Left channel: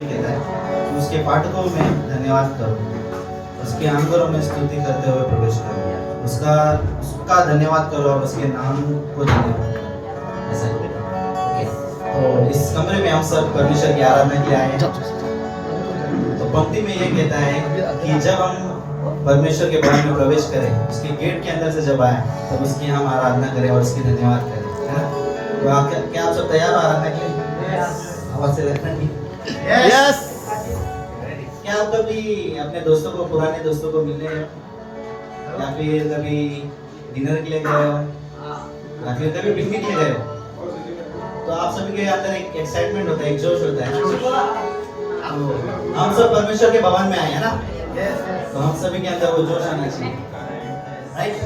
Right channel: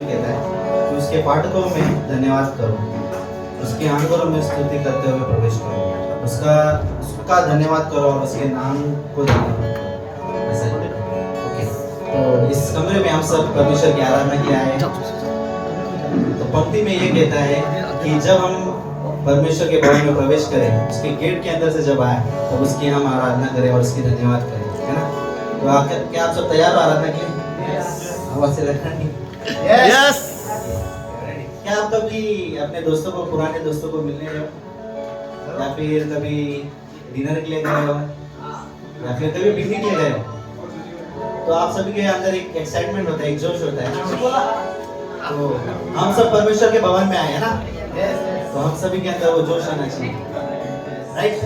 कहता है कि उसके फाटकों में धन्यवाद करो, उसके आंगनों में स्तुति करते हुए प्रवेश करो, उसका उसका धन्यवाद करो और उसके नाम को धन्यवाद करो। ऐसा ओके। तो इस कमरे में हम सब परमेश्वर की आराधना के लिए आए हैं। तो पंक्ति में ये कहता है कि जब हम परमेश्वर के भवन में प्रवेश करें, उसके गेट के अंदर से जब आए तो उसकी हम आराधना करें और उसकी धन्यवाद करें, है ना? तो आप क्या आप सब तैयार हो आराधना के लिए? आवाज से लगता नहीं? यस। क्या आप कभी अपने दोस्तों को, पुराने दोस्तों को मिलने गए हो? या फिर कभी डिनर के लिए गए हो, या फिर कभी पिकनिक के लिए गए हो? तो आप सभी के अंदर एक एक्साइटमेंट होता है, एक जोश होता है ना? तो हम सब परमेश्वर के भवन में आए हैं ना, तो हम सभी के अंदर वो जोश आना चाहिए, राइट?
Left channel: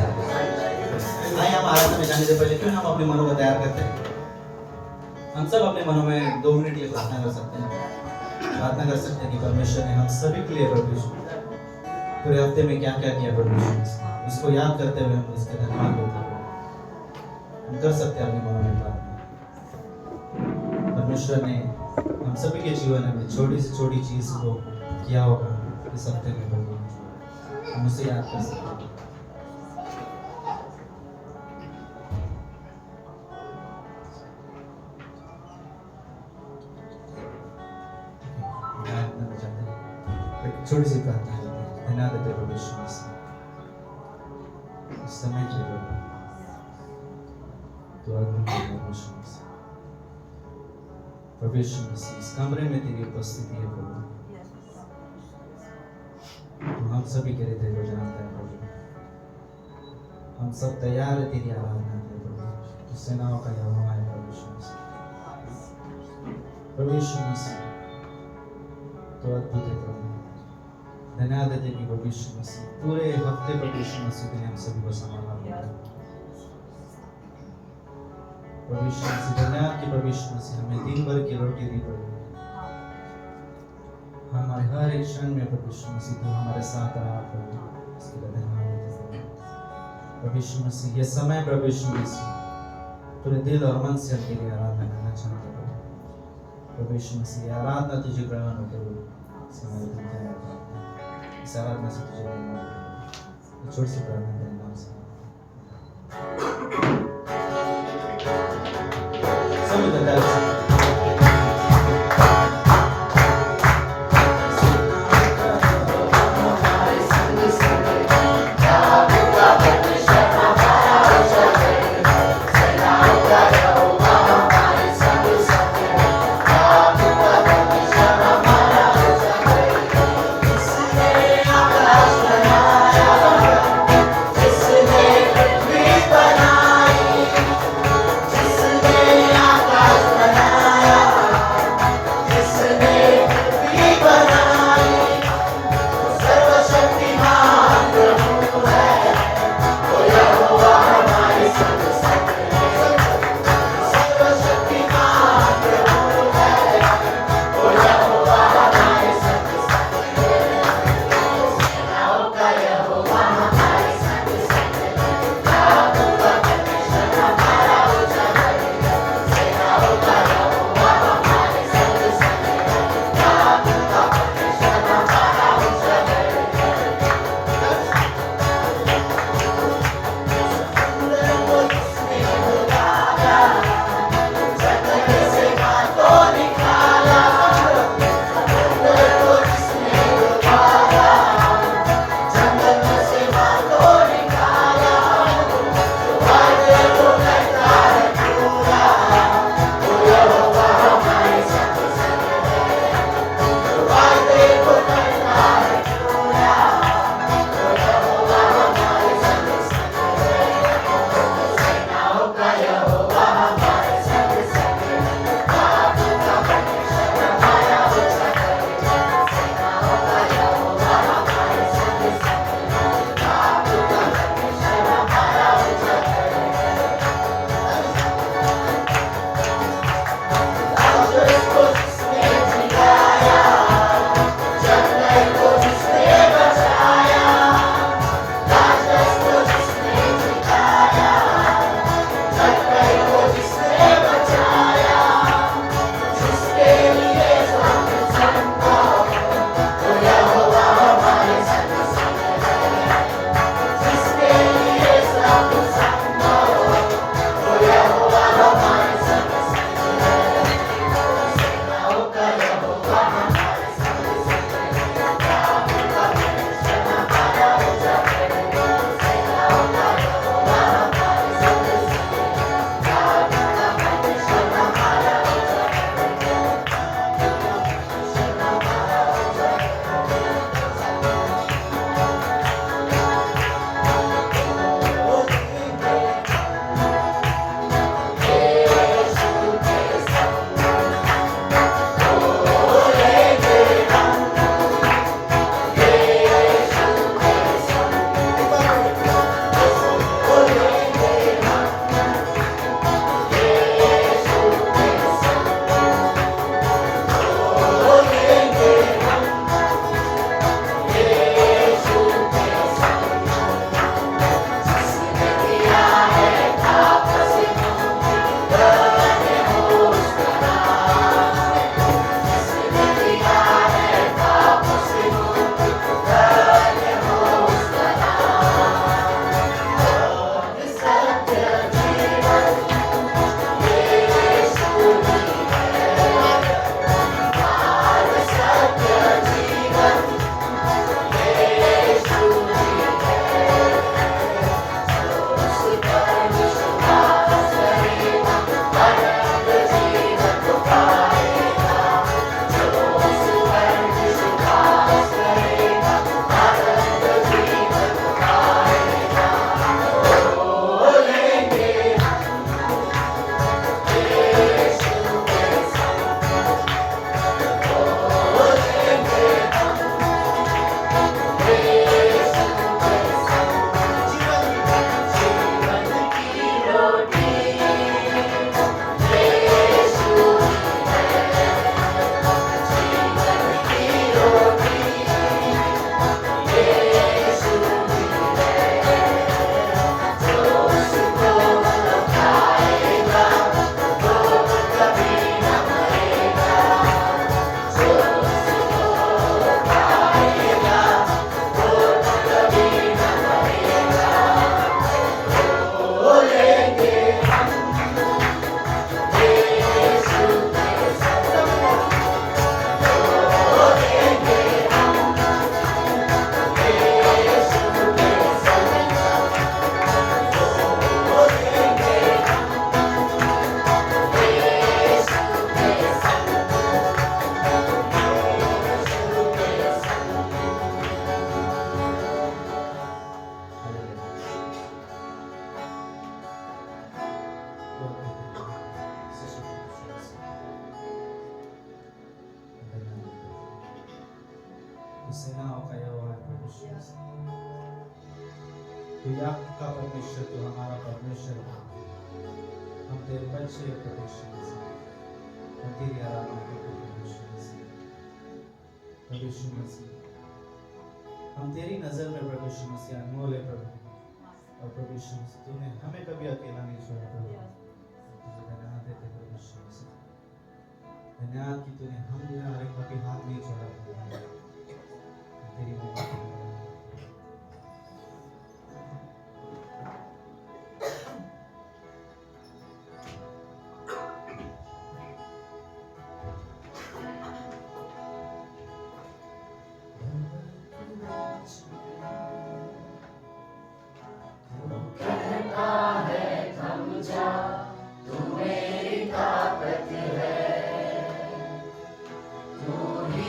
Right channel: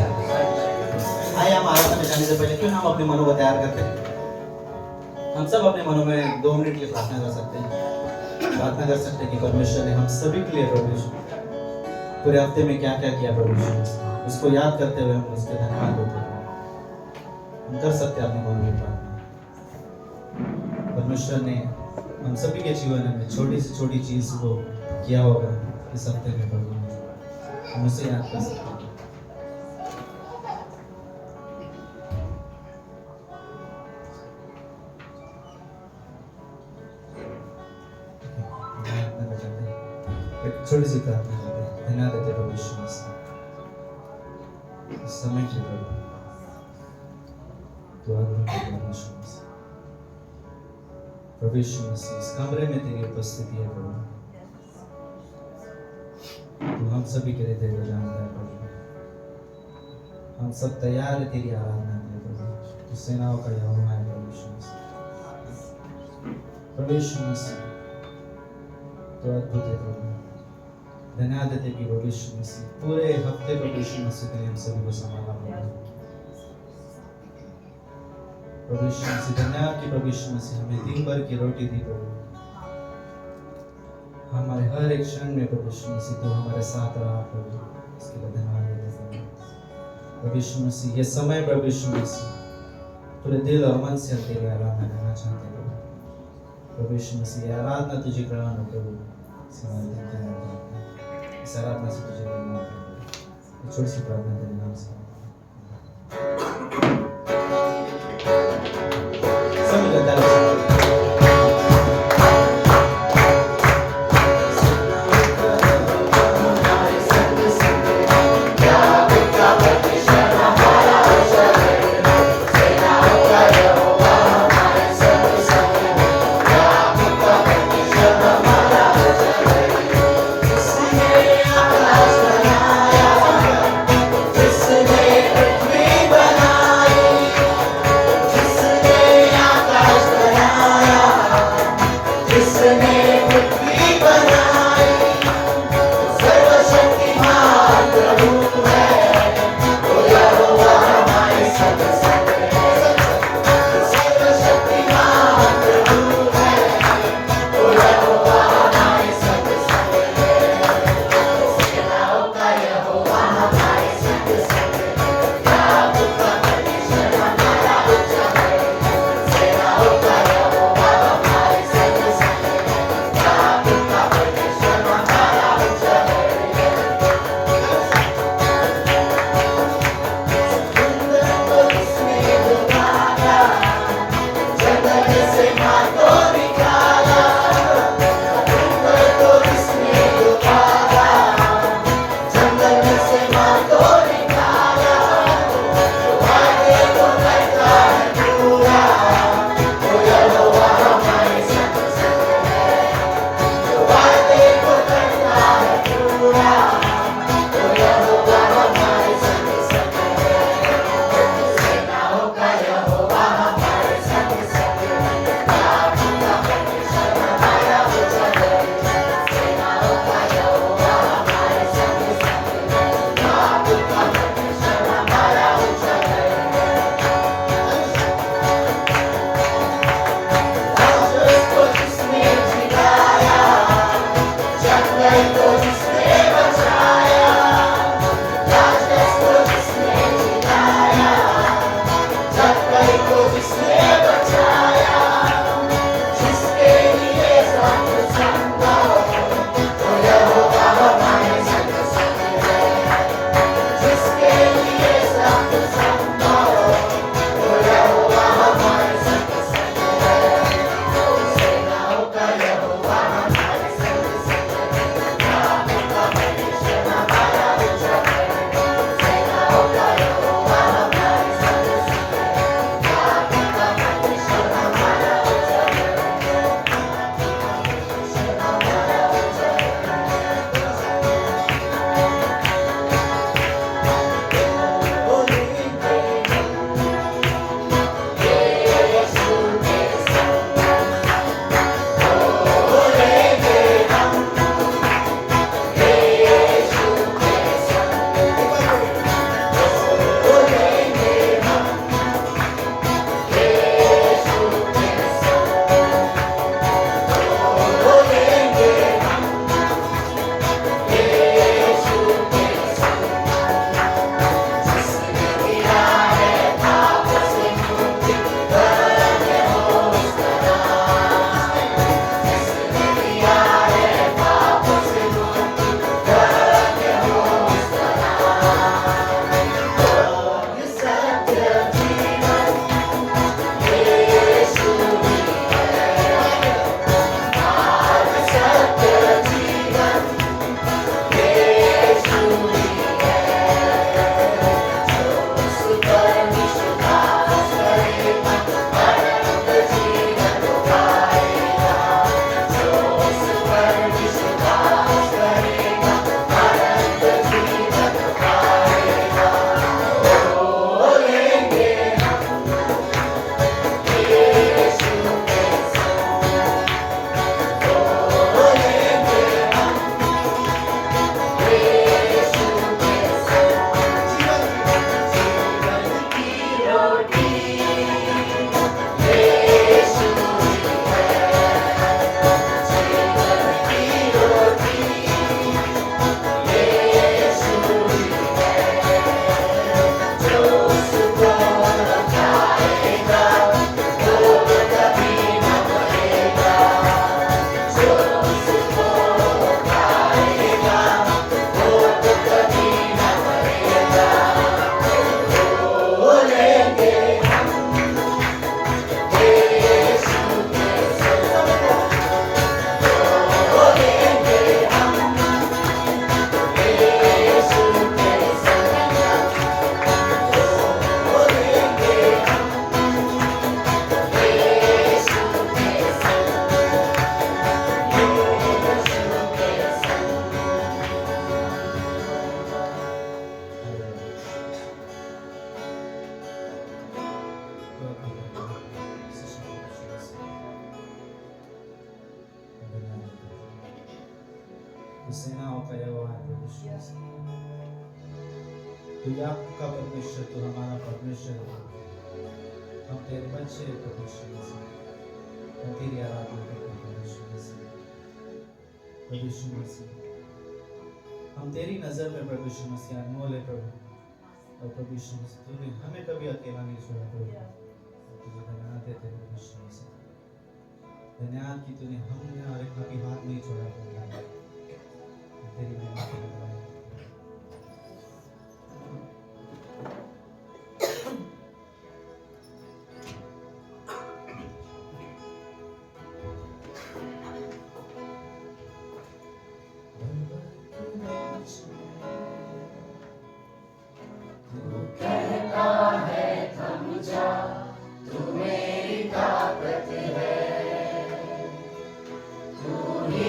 आइए हम आराधना में जाने से पहले क्यों ना हम अपने मनों को तैयार करते हैं। हम सब अपने मनों में 2 मिनट के लिए प्रार्थना कर सकते हैं। प्रार्थना कर सकते हैं कि परमेश्वर ने हम सभी के लिए पूरे हफ्ते में क्या क्या किया परमेश्वर ने, उसको याद करते हुए हम उसके धन्यवाद देते हैं। हम कर सकते हैं अपने मनों में प्रार्थना। परमेश्वर ने हम सभी के जीवन में छोटी से छोटी चीज को किया होगा इस हफ्ते में, प्रभु हम उसे याद कर सकते हैं। छोटी सी प्रार्थना करते हैं। धन्यवाद देते प्रभु यीशु मसीह इस समय के लिए, दुआ करते हैं प्रभु यीशु मसीह। प्रभु यीशु मसीह इस कमरे में तेरी उपस्थिति है प्रभु, तू हम सभी के लिए तेरे को जानता है प्रभु। हम सब तैयार है तेरी आराधना के लिए प्रभु। तू सेनाओं का यहोवा है प्रभु यीशु मसीह। प्रभु यीशु मसीह तो अद्भुत है प्रभु। धन्यवाद देते कि प्रभु यीशु मसीह पूरे हफ्ते प्रभु यीशु मसीह के लिए हम सभी को संभाला है प्रभु यीशु मसीह। धन्यवाद कि प्रभु यीशु मसीह हमें दिन भर की रोटी दी प्रभु। हमारे हर एक क्षण में प्रभु यीशु मसीह तो हमारे साथ रहा प्रभु, इसके लिए धन्यवाद देते हैं प्रभु यीशु मसीह। ये समय प्रभु यीशु मसीह पूरे दिल और मन से हम तेरी आराधना करना चाहते हैं प्रभु यीशु मसीह। ये आराधना तुझे ग्रहण हो प्रभु, इस आराधना से तुझे धन्यवाद। छोटी सी प्रार्थना तेरे नाम से सभी बता सकते हैं। जिसने पृथ्वी बनाई तू सेनाओं का यहोवा है प्रभु यीशु मसीह। तू याकूब का परमेश्वर, तू हमारा परमेश्वर है। हम तेरे बच्चे हैं प्रभु यीशु मसीह। हम तेरी आराधना करते हैं प्रभु यीशु मसीह। प्रभु यीशु मसीह, हम तेरी नजर में प्रभु यीशु मसीह अनमोल है प्रभु। और प्रभु यीशु मसीह, तूने हमें कभी अकेला नहीं छोड़ा प्रभु। तुझे धन्यवाद देते हैं प्रभु यीशु मसीह। धन्यवाद कि तूने हमारे कभी हाथ नहीं छोड़ा प्रभु। तेरी महिमा के लिए कहता है थम जा, तू मेरी ताकत है, तू ही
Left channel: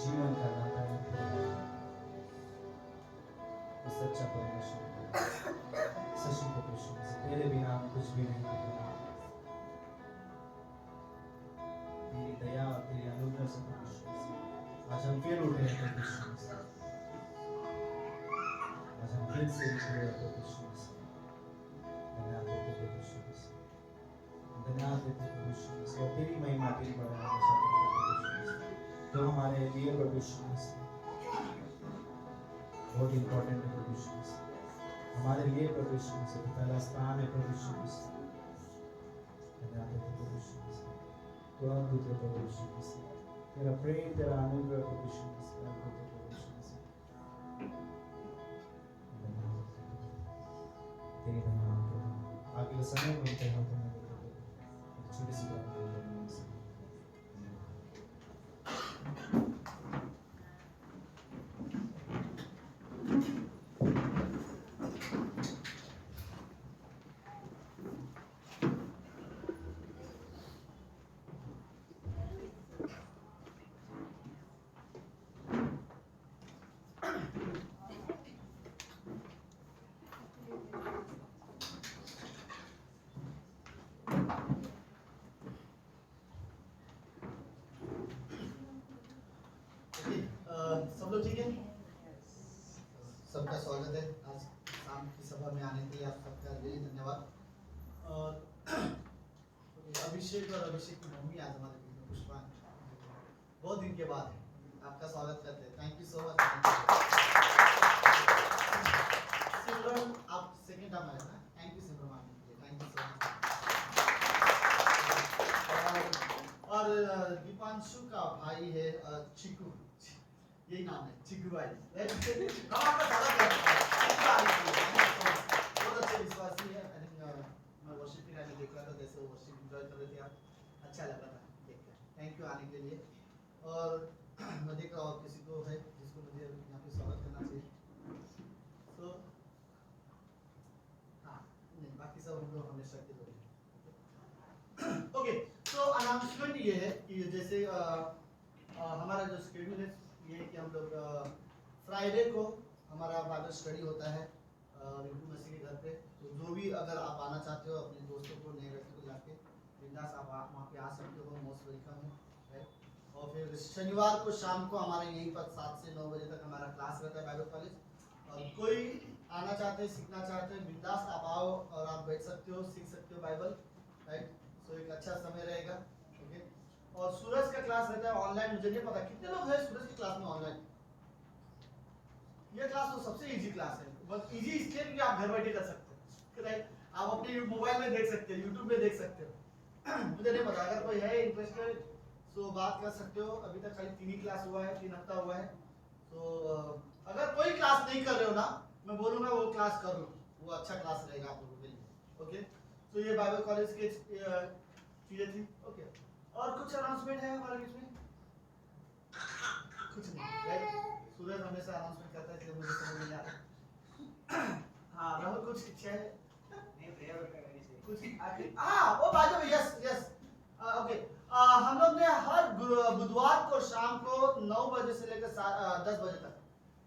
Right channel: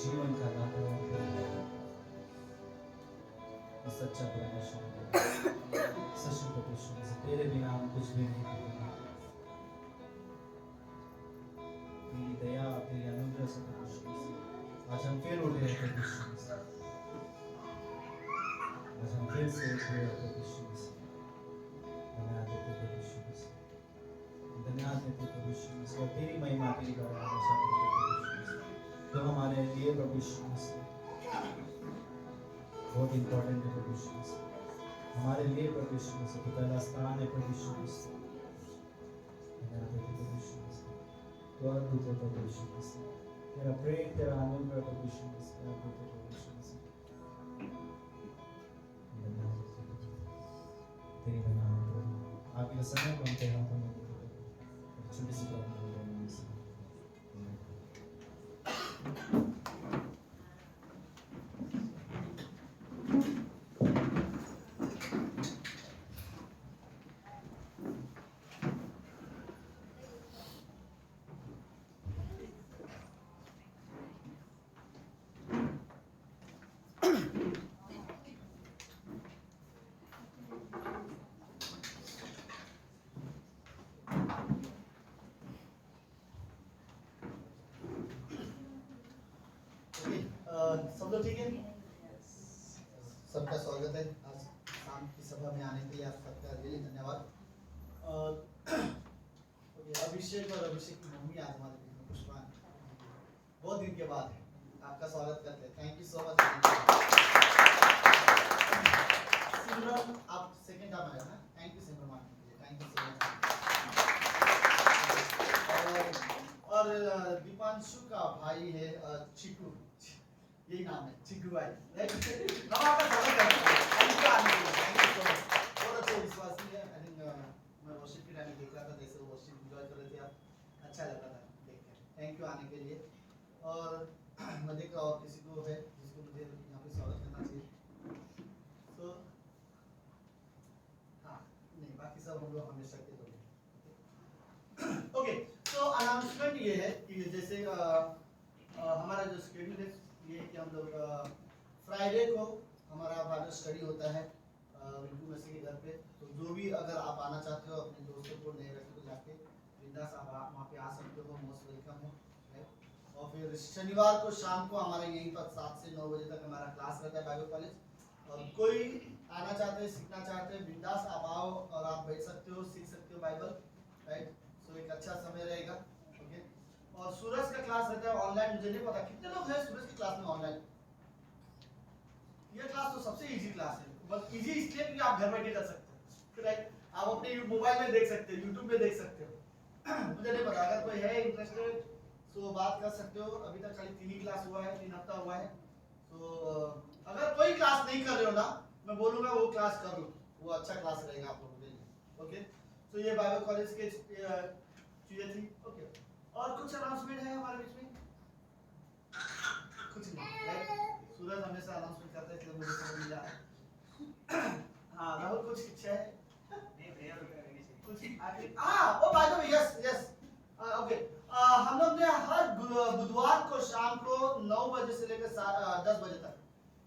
जीवन का दाता है सच्चा परमेश्वर सच में परमेश्वर तेरे बिना हम कुछ भी नहीं कर सकते। तेरी दया तेरी अनुग्रह से परमेश्वर आज हम फिर उठे हैं परमेश्वर आज हम फिर से उठे हैं परमेश्वर धन्यवाद देते परमेश्वर धन्यवाद देते परमेश्वर और तेरी महिमा तेरी बढ़ाना चाहते हैं परमेश्वर तो हमारे लिए परमेश्वर बहुत इंपॉर्टेंट है परमेश्वर हमारे लिए परमेश्वर से तो पहला स्थान है परमेश्वर धन्यवाद देते परमेश्वर तो अद्भुत है परमेश्वर तेरा प्रेम तेरा अनुग्रह परमेश्वर अद्भुत है परमेश्वर धन्यवाद तेरे धन्यवाद आगे समय में उनके हाथ में छोटी सी बात अभिषेक और अभिषेक की मम्मी आज हमारे बीच में पुष्पा बहुत दिन के बाद है, आपका स्वागत करते हैं। Thank you so much. Simran आप सेकंड टाइम आए ना, थैंक यू सिमरन आने के लिए, थैंक यू सो मच। और दीपांशु का भाई है चिकू, यही नाम है चिकू भाई। हम आपका स्वागत करते हैं, थैंक यू आने के लिए, थैंक यू सो मच। बहुत अच्छे विश्वासी है। आई थिंक मैं वर्शिप के टाइम में देख रहा था, जैसे वो वर्शिप एंजॉय कर रहे थे आप, अच्छा लग रहा था देख कर। थैंक यू आने के लिए। और मैं देख रहा हूँ किसी को है जिसको मुझे यहाँ पे स्वागत करना चाहिए, तो हाँ नहीं, बाकी सब हम लोग हमेशा के लोग। ओके, तो अनाउंसमेंट ये है कि जैसे हमारा जो शेड्यूल है ये है कि हम लोग फ्राइडे को हमारा बाइबल स्टडी होता है रिंकू मसीह के घर पे। तो जो भी अगर आप आना चाहते हो अपने दोस्तों को, नए व्यक्ति को जाके बिंदास आप वहाँ पे आ सकते हो, मोस्ट वेलकम है। और फिर शनिवार को शाम को हमारे यहीं पर 7 से 9 बजे तक हमारा क्लास रहता है बाइबल कॉलेज। और कोई आना चाहते हैं, सीखना चाहते हैं, बिंदास आप आओ और आप बैठ सकते हो, सीख सकते हो बाइबल, राइट। सो एक अच्छा समय रहेगा। ओके, और सूरज का क्लास रहता है ऑनलाइन। मुझे नहीं पता कितने लोग हैं सूरज की क्लास में ऑनलाइन। ये क्लास तो सबसे इजी क्लास है, बस इजी इसलिए कि आप घर बैठे कर सकते हो, राइट। आप अपने मोबाइल में देख सकते हो, यूट्यूब में देख सकते हो। मुझे नहीं पता, अगर कोई है इंटरेस्टेड तो बात कर सकते हो। अभी तक खाली 3 ही क्लास हुआ है, 3 हफ्ता हुआ है। तो अगर कोई क्लास नहीं कर रहे हो ना, मैं बोलूंगा वो क्लास कर लो, वो अच्छा क्लास रहेगा आप लोगों के लिए। ओके, तो ये बाइबल कॉलेज के चीजें थी। ओके, और कुछ अनाउंसमेंट है हमारे बीच में? कुछ नहीं, राइट। सूरज हमेशा अनाउंसमेंट करता है, इसलिए मुझे समझ नहीं आ रहा। हाँ राहुल, कुछ इच्छा है? नहीं, प्रेयर करनी चाहिए कुछ आखिरी, हाँ वो by the way, yes yes, okay. हम लोग ने हर बुधवार को शाम को 9 बजे से लेकर 10 बजे तक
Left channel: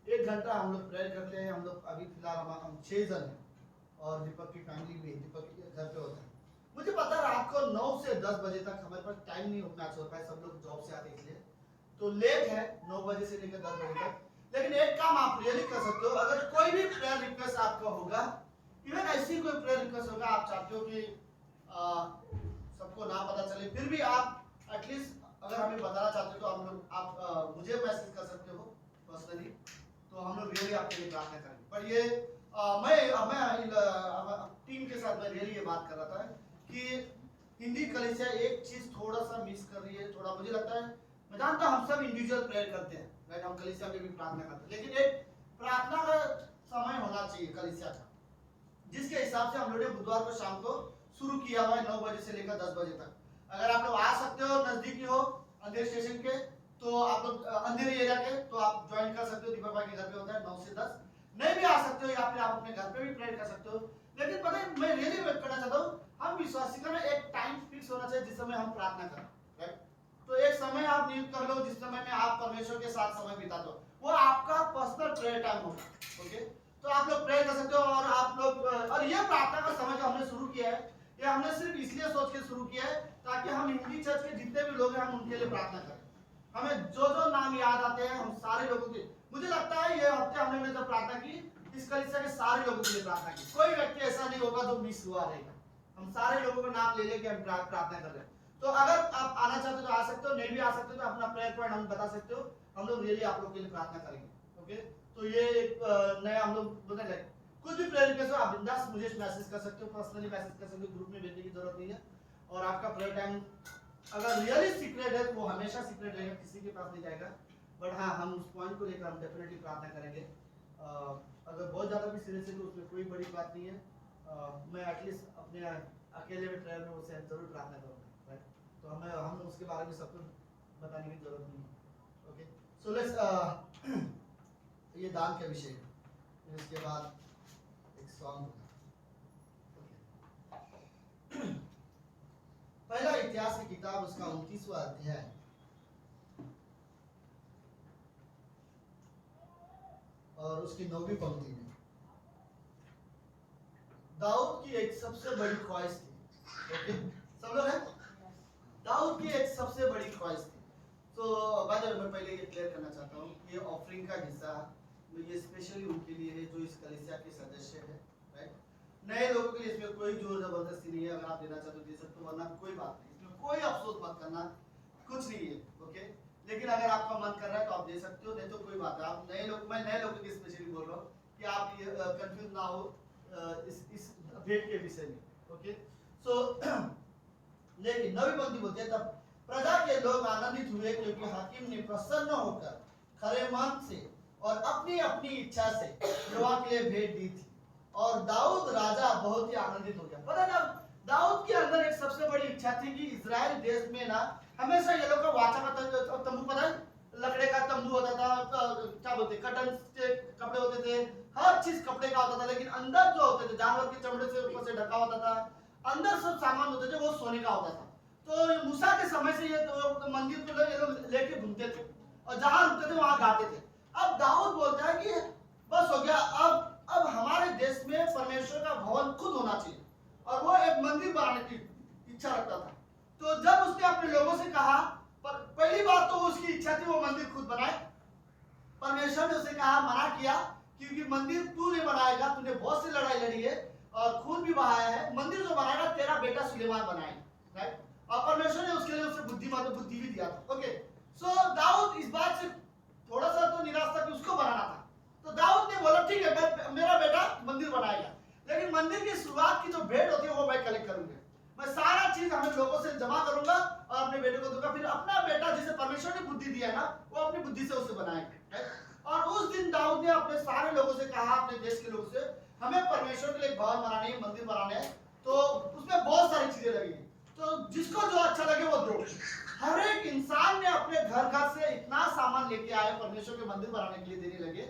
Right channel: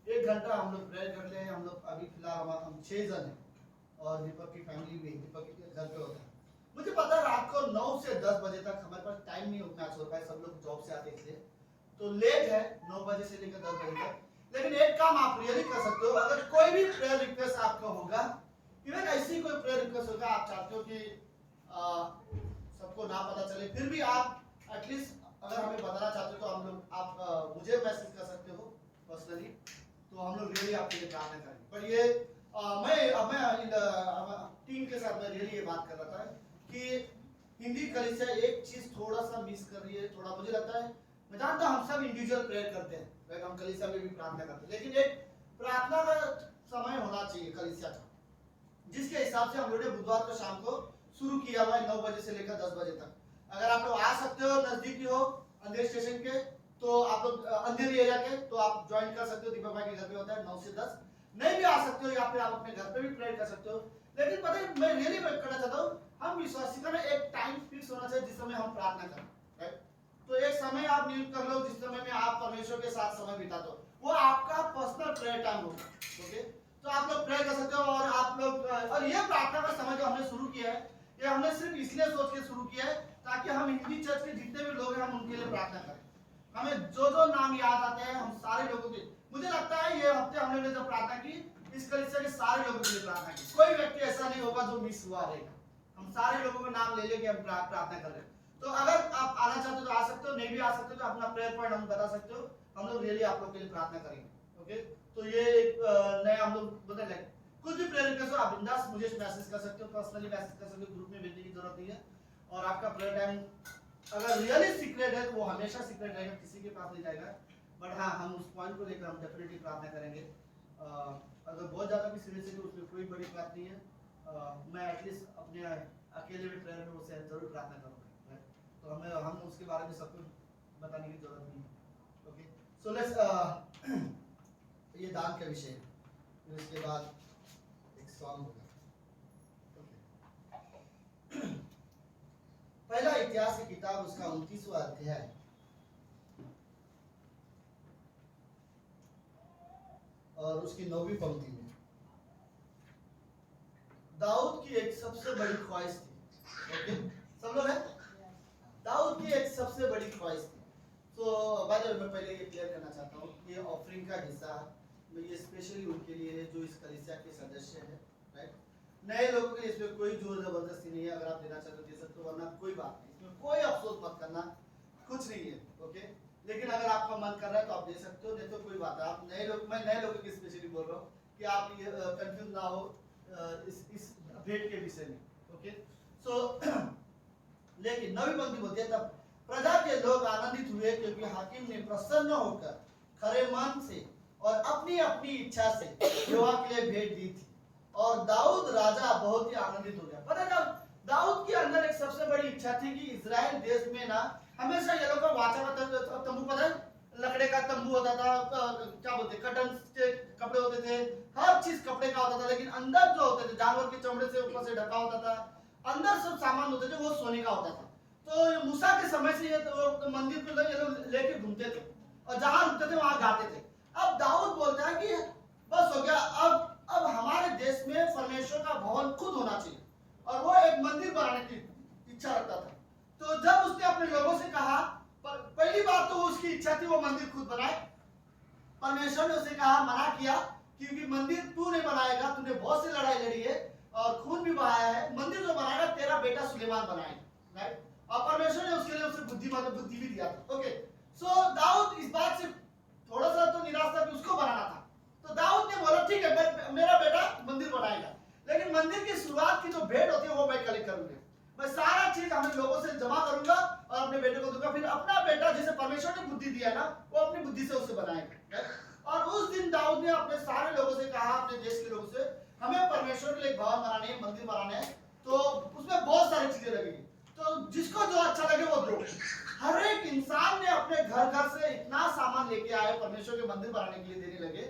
1 घंटा हम लोग प्रेयर करते हैं। हम लोग अभी फिलहाल हम 6 जन हैं और दीपक की फैमिली भी, दीपक के घर पे होता है। मुझे पता है रात को 9 से 10 बजे तक हमारे पास टाइम नहीं उतना अच्छा होता है, सब लोग जॉब से आते हैं इसलिए तो लेट है 9 बजे से लेकर 10 बजे तक। लेकिन एक काम आप रियली कर सकते हो, अगर कोई भी प्रेयर रिक्वेस्ट आपका होगा, इवन ऐसी कोई प्रेयर रिक्वेस्ट होगा, आप चाहते हो कि सबको ना पता चले, फिर भी आप एटलीस्ट अगर हमें बताना चाहते हो तो हम लोग आप मुझे मैसेज कर सकते हो पर्सनली, तो हम लोग रियली आपके लिए प्रार्थना करेंगे। पर ये मैं टीम के साथ मैं रियली ये बात कर रहा था कि हिंदी कलीसिया एक चीज थोड़ा सा मिस कर रही है, थोड़ा मुझे लगता है। मैं जानता हूँ हम सब इंडिविजुअल प्रेयर करते हैं, राइट, हम कलीसिया में भी प्रार्थना करते हैं, लेकिन एक प्रार्थना का समय होना चाहिए कलीसिया का, जिसके हिसाब से हम लोगों ने बुधवार को शाम को शुरू किया हुआ है 9 बजे से लेकर 10 बजे तक। अगर आप लोग आ सकते हो, नजदीकी हो अंधेरी स्टेशन के, तो आप लोग अंधेरी एरिया के, तो आप ज्वाइन कर सकते हो। दीपक भाई के घर पे होता है 9 से 10। नहीं भी आ सकते हो या फिर आप अपने घर पे भी प्रेयर कर सकते हो। लेकिन पता है मैं रियली वेट करना चाहता हूँ, हम विश्वासी का ना एक टाइम फिक्स होना चाहिए जिस समय हम प्रार्थना करें, राइट। तो एक समय आप नियुक्त कर लो जिस समय में आप परमेश्वर के साथ समय बिताते हो, वो आपका पर्सनल प्रेयर टाइम होगा। ओके, तो आप लोग प्रेयर कर सकते हो। और आप लोग और ये प्रार्थना का समय जो हमने शुरू किया है, ये हमने सिर्फ इसलिए सोच के शुरू किया है ताकि हम हिंदी चर्च के जितने भी लोग हैं हम उनके लिए प्रार्थना करें। हमें जो जो नाम याद आते हैं हम सारे लोगों के, मुझे लगता है ये हफ्ते हम लोगों ने जब प्रार्थना की, इस कलीसिया के सारे लोगों के लिए प्रार्थना की। कोई व्यक्ति ऐसा नहीं होगा जो मिस हुआ रहेगा, हम सारे लोगों का नाम ले लेके हम प्रार्थना कर रहे हैं। तो अगर आप आना चाहते हो तो आ सकते हो, नहीं भी आ सकते हो तो अपना प्रेयर पॉइंट हम बता सकते हो, हम लोग रियली आप लोग के लिए प्रार्थना करेंगे। ओके, तो ये एक नया हम लोग बोलते हैं, कुछ भी प्रेयर रिक्वेस्ट हो आप बिंदास मुझे मैसेज कर सकते हो, पर्सनली मैसेज कर सकते हो, ग्रुप में भेजने की जरूरत नहीं है। और आपका प्रेयर टाइम अगर रियली सीक्रेट है तो वो हमेशा सीक्रेट रहेगा, किसी के पास नहीं जाएगा। बट हाँ, हम उस पॉइंट को लेकर हम डेफिनेटली प्रार्थना करेंगे। अगर बहुत ज़्यादा भी सीरियस है तो उसमें कोई बड़ी बात नहीं है। मैं एटलीस्ट अपने अकेले में प्रेयर में उससे जरूर प्रार्थना करूँगा, तो हम उसके बारे में सब कुछ बताने की जरूरत नहीं है। ओके, सो लेट्स ये दान का विषय है, फिर उसके बाद एक सॉन्ग होगा। पहला इतिहास की किताब उसका 29वां अध्याय और उसकी 9वीं पंक्ति में दाऊद की एक सबसे बड़ी ख्वाहिश थी। ओके, सब लोग हैं? दाऊद की एक सबसे बड़ी ख्वाहिश थी। तो बाय द वे मैं पहले ये क्लियर करना चाहता हूँ, ये ऑफरिंग का हिस्सा ये स्पेशली उनके लिए है जो इस कलीसिया के सदस्य हैं, राइट। नए लोगों के लिए इसमें कोई जोर जबरदस्ती नहीं है, अगर आप देना चाहते हो दे सकते हो, वरना कोई बात नहीं, इसमें कोई अफसोस मत करना, कुछ नहीं है। ओके, लेकिन अगर आपका मन कर रहा है तो आप दे सकते हो, नहीं तो कोई बात है। आप नए लोग, मैं नए लोगों की स्पेशली बोल रहा हूँ कि आप ये कंफ्यूज ना हो इस भेंट के विषय में। ओके, सो लेकिन नवी पंक्ति बोलती है, तब प्रजा के लोग आनंदित हुए क्योंकि हाकिम ने प्रसन्न होकर खरे मन से और अपनी अपनी इच्छा से यहोवा के लिए भेंट दी थी, और दाऊद राजा बहुत ही आनंदित हो गया। पता है, दाऊद के अंदर एक सबसे बड़ी इच्छा थी कि इजराइल देश में ना हमेशा ये लोग का वाचा का तंबू, पता है लकड़े का तंबू होता था, क्या बोलते कटन के कपड़े होते थे, हर चीज कपड़े का होता था, लेकिन अंदर जो होते थे जानवर के चमड़े से ऊपर से ढका होता था, अंदर सब सामान होते थे वो सोने का होता था। तो मूसा के समय से ये तो मंदिर को ये लोग लेके घूमते थे और जहां रुकते थे वहां गाते थे। अब दाऊद बोलता है कि बस हो गया, अब हमारे देश में परमेश्वर का भवन खुद होना चाहिए, और वो एक मंदिर बनाने की इच्छा रखता था। तो जब उसने अपने लोगों से कहा, पहली बात तो उसकी इच्छा थी वो मंदिर खुद बनाए। परमेश्वर ने उसे कहा, मना किया, क्योंकि मंदिर तू नहीं बनाएगा, तूने बहुत सी लड़ाई लड़ी है और खून भी बहाया है, मंदिर जो बनाएगा तेरा बेटा सुलेमान बनाएगा, राइट। और परमेश्वर ने उसके लिए उसे बुद्धि भी दिया था। ओके, सो दाऊद इस बात से थोड़ा सा तो निराश था कि उसको बनाना था, तो दाऊद ने बोला ठीक है, मेरा बेटा मंदिर बनाएगा, लेकिन मंदिर की शुरुआत की जो भेंट होती है वो मैं कलेक्ट करूंगा, मैं सारा चीज हमें लोगों से जमा करूंगा और अपने बेटे को दूंगा, फिर अपना बेटा जिसे परमेश्वर ने बुद्धि दिया ना वो अपनी बुद्धि से उसे बनाएगा। और उस दिन दाऊद ने अपने सारे लोगों से कहा, अपने देश के लोगों से, हमें परमेश्वर के लिए भवन बनाने है, मंदिर बनाने है, तो उसमें बहुत सारी चीजें लगेगी, तो जिसको जो अच्छा लगे वो दो। हर एक इंसान ने अपने घर से इतना सामान लेके आए परमेश्वर के मंदिर बनाने के लिए देने लगे।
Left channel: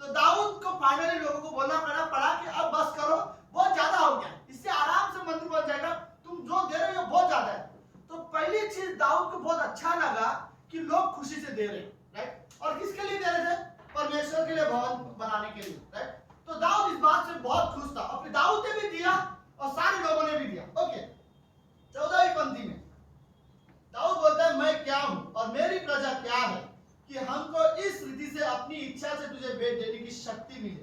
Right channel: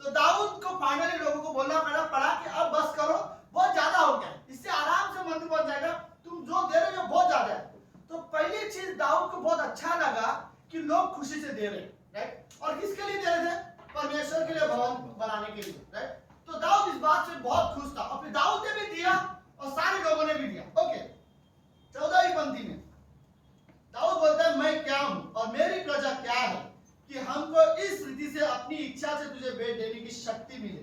तो दाऊद को फाइनली लोगों को बोलना पड़ा कि अब बस करो, बहुत ज्यादा हो गया, इससे आराम से मंदिर बन जाएगा, तुम जो दे रहे हो बहुत ज्यादा है। तो पहली चीज दाऊद को बहुत अच्छा लगा कि लोग खुशी से दे रहे, राइट। और किसके लिए दे रहे थे? परमेश्वर के लिए भवन बनाने के लिए, राइट। तो दाऊद इस बात से बहुत खुश था, और फिर दाऊद ने भी दिया और सारे लोगों ने भी दिया। ओके, 14वीं पंक्ति में दाऊद बोलता है, मैं क्या हूं और मेरी प्रजा क्या है कि हमको इस रीति से अपनी इच्छा से तुझे भेंट देने की शक्ति मिले।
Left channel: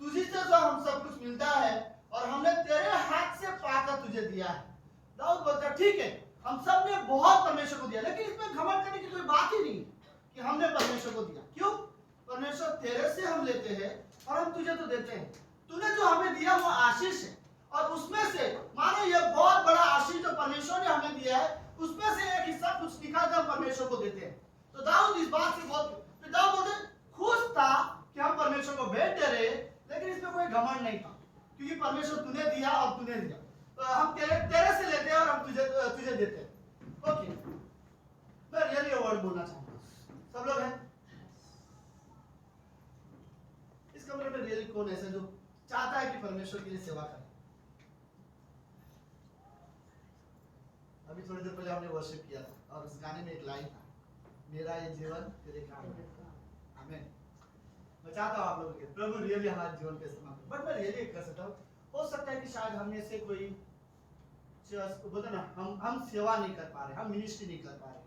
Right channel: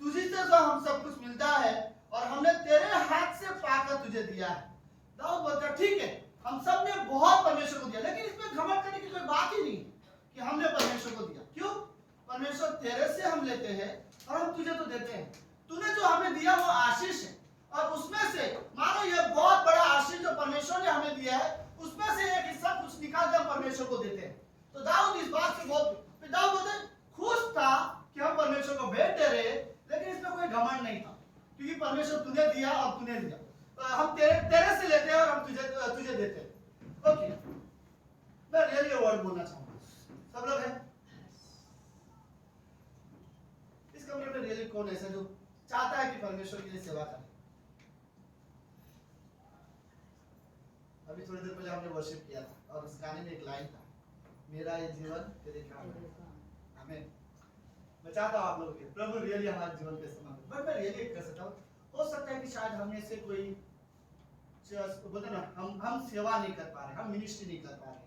तुझी से जो हम सब कुछ मिलता है और हमने तेरे हाथ से पाकर तुझे दिया है। दाऊद बोलता है ठीक है, हम सब ने बहुत परमेश्वर को दिया, लेकिन इसमें घमंड करने की कोई बात ही नहीं कि हमने परमेश्वर को दिया। क्यों? परमेश्वर तेरे से हम लेते हैं और हम तुझे तो देते हैं। तूने जो हमें दिया वो आशीष है, और उसमें से मानो ये बहुत बड़ा आशीष जो परमेश्वर ने हमें दिया है, उसमें से एक हिस्सा कुछ निकाल कर परमेश्वर को देते हैं। तो दाऊद इस बात से बहुत, दाऊद बोलते खुश था कि हम परमेश्वर को भेंट दे रहे, लेकिन इसमें कोई घमंड नहीं था, क्योंकि परमेश्वर तूने दिया और तूने दिया, तो हम तेरे से लेते हैं और हम तुझे देते हैं। ओके, मैं रियली वर्ड बोलना चाहूंगा, सब लोग हैं इस कमरे में? रियली कौन ऐसा जो चाहता है कि परमेश्वर के लिए सेवा करे? अभी थोड़ी देर पहले हमने वर्शिप किया था और उस गाने में एक लाइन था, मेरा ये जीवन तेरे काम है। आमीन। मैं चाहता हूँ आप लोगों के प्रभु रियली हमारे जीवन के इस्तेमाल, बट मैं रियली कर सकता हूँ, हो सकता है कि शायद हमें से कोई बोलते ना हम सेवा नहीं कर पा रहे, हम मिनिस्ट्री नहीं कर पा रहे,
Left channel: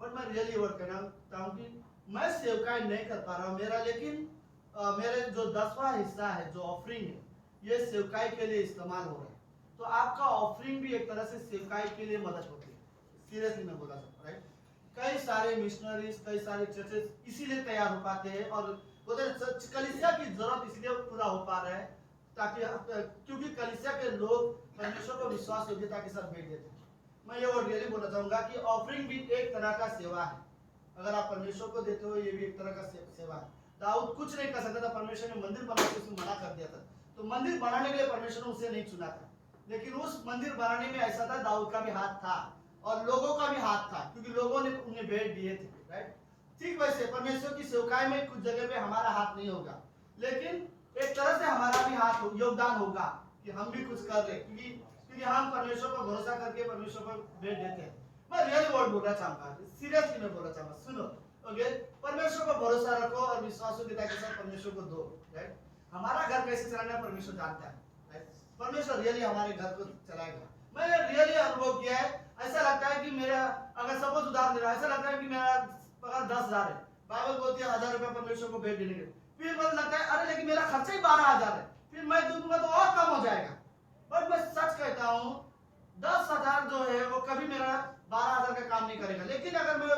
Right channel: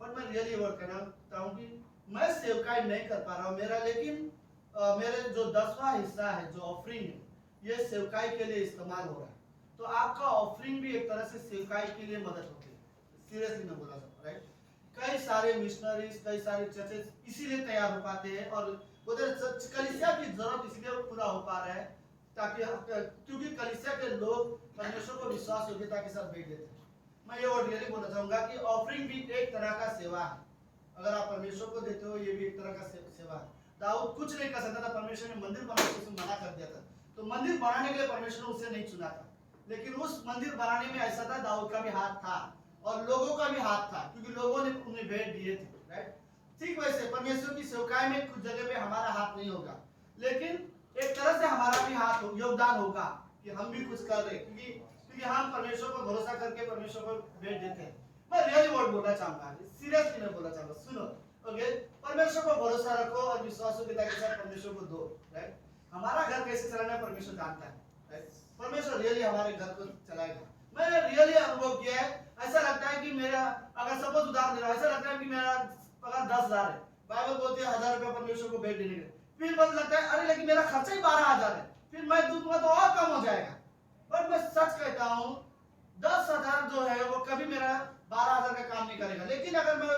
बट मैं रियली वर्क करना चाहता हूँ कि मैं सेवकाई नहीं कर पा रहा हूँ मेरा, लेकिन मेरा जो 10वां हिस्सा है, जो ऑफरिंग है, ये सेवकाई के लिए इस्तेमाल हो रहा है। तो आपका ऑफरिंग भी एक तरह से सेवकाई के लिए मदद होती है। सीरियसली मैं बोला सकता, राइट। कई सारे मिशनरीज, कई सारे चर्चेस इसीलिए तैयार हो पाते हैं, और कलीसिया की जरूरत इसलिए पूरा हो पा रहा है ताकि, क्योंकि कलीसिया के लोग परमेश्वर को विश्वास योग्यता के साथ भेंट देते हैं। मैं ये वर्ड रियली बोलना चाहूंगा कि ऑफरिंग भी एक तरह का सेवा है। अगर आप परमेश्वर को देते हो, ये भी एक तरह का सेवा है। दाऊद कुछ नहीं कर सकता था, परमेश्वर ने मंदिर बनाने से मना कर दिया था, तो मंदिर बनाने के लिए परमेश्वर ने उसे नहीं चुना था, लेकिन उस मंदिर बनाने में ऐसा था दाऊद का भी हाथ था और लोगों का भी हाथ था, क्योंकि लोगों ने उन्हें भेंट दिए थे, राइट। ठीक वैसे परमेश्वर की सेवकाई में कुछ जगह पे हमारा हाथ नहीं होगा, लेकिन एक तरह से हमारा भी हाथ योगदान होगा कि हम भी कुछ कर रहे, क्योंकि हम परमेश्वर पर भरोसा करके परमेश्वर पर भेंट देते हैं। मैं रियली वर्ड बोलना चाहूंगा, सीरियसली मैं बोलना चाहूंगा, सुनो। ओके, परमेश्वर पर भरोसा रखो और विश्वासयोग्यता के साथ परमेश्वर को दो, राइट। हमारा घर कैसे चलाना है परमेश्वर जानता है, राइट। परमेश्वर रियली हमारे घर को चलाएगा। मैंने रियली अनुभव किया है, ऐसा लगता है कि मेरा अगर सपोज उदाहरण दे रहा, ऐसा लगता है कि मेरा पगार 10,000 है, बाइबल बोलती है 1,000 रुपया परमेश्वर को भेंट देने के, फिर मुझे लगता है अरे लेकिन मेरा खर्चा ही 12,000 है, फिर मैं दूंगा तो और कम हो जाएगा। बट मैं सच कहता हूँ 10,000 जो है वो कभी मेरा 12,000 का काम नहीं करेगा, लेकिन अगर मैं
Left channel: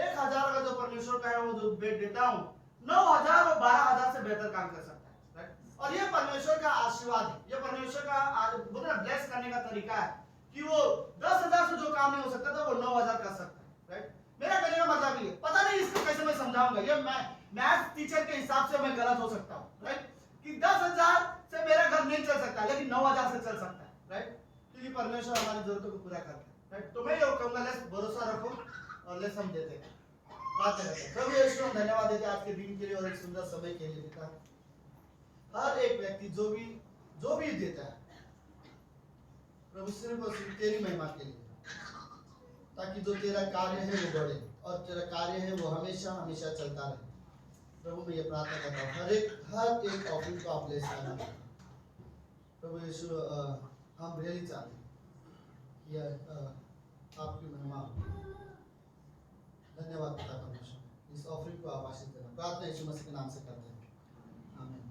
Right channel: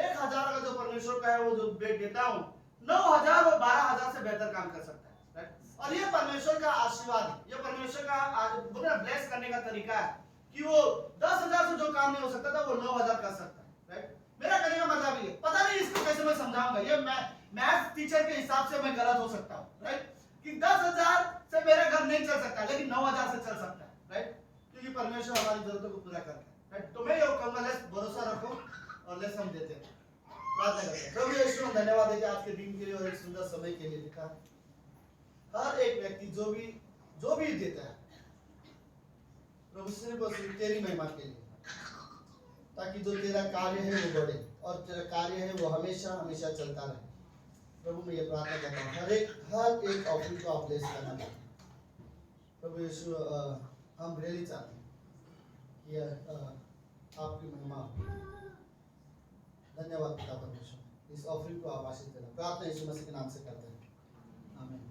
1,000 का जो परमेश्वर का है वो जो बेट देता हूँ 9,000 वो 12,000 से बेहतर काम कर सकता है, राइट। और ये परमेश्वर का आशीर्वाद है, ये परमेश्वर का ब्लेस करने का तरीका है कि वो 10,000 से जो काम नहीं हो सकता था वो 9,000 कर सकता है, राइट। मेरा कहने का मतलब ये, पता नहीं इसको कैसे मैं समझाऊंगा, ये मैं मैथ्स टीचर के हिसाब से मैं गलत हो सकता हूँ, राइट, कि 10,000 से मेरा घर नहीं चल सकता लेकिन 9,000 से चल सकता है, राइट, क्योंकि परमेश्वर हमारी जरूरतों को पूरा करता है, राइट। तो मैं ये कहूंगा लेस भरोसा रखो और लेस हम देते हैं, प्रार्थना करते हैं। प्रभु यीशु हम धन्यवाद देते हैं आज के दिन के लिए और एक सुंदर समय के लिए पिता। हर एक व्यक्ति जो भी देता है प्रभु सिर्फ और सिर्फ तेरी महिमा के लिए, ताकि जो तेरा कार्य है वो बढ़े और तेरा कार्य है वो हमेशा हमेशा चलता रहे। प्रभु मैं ये प्रार्थना करता हूँ हर एक ऑफरिंग को आप ब्लेस करना प्रभु यीशु। हम रियली चाहते हैं कि आपकी महिमा। धन्यवाद पिता परमेश्वर, इस ऑफरिंग को आप आशीष देना। प्रार्थना यीशु मसीह के नाम से करते हैं, आमीन।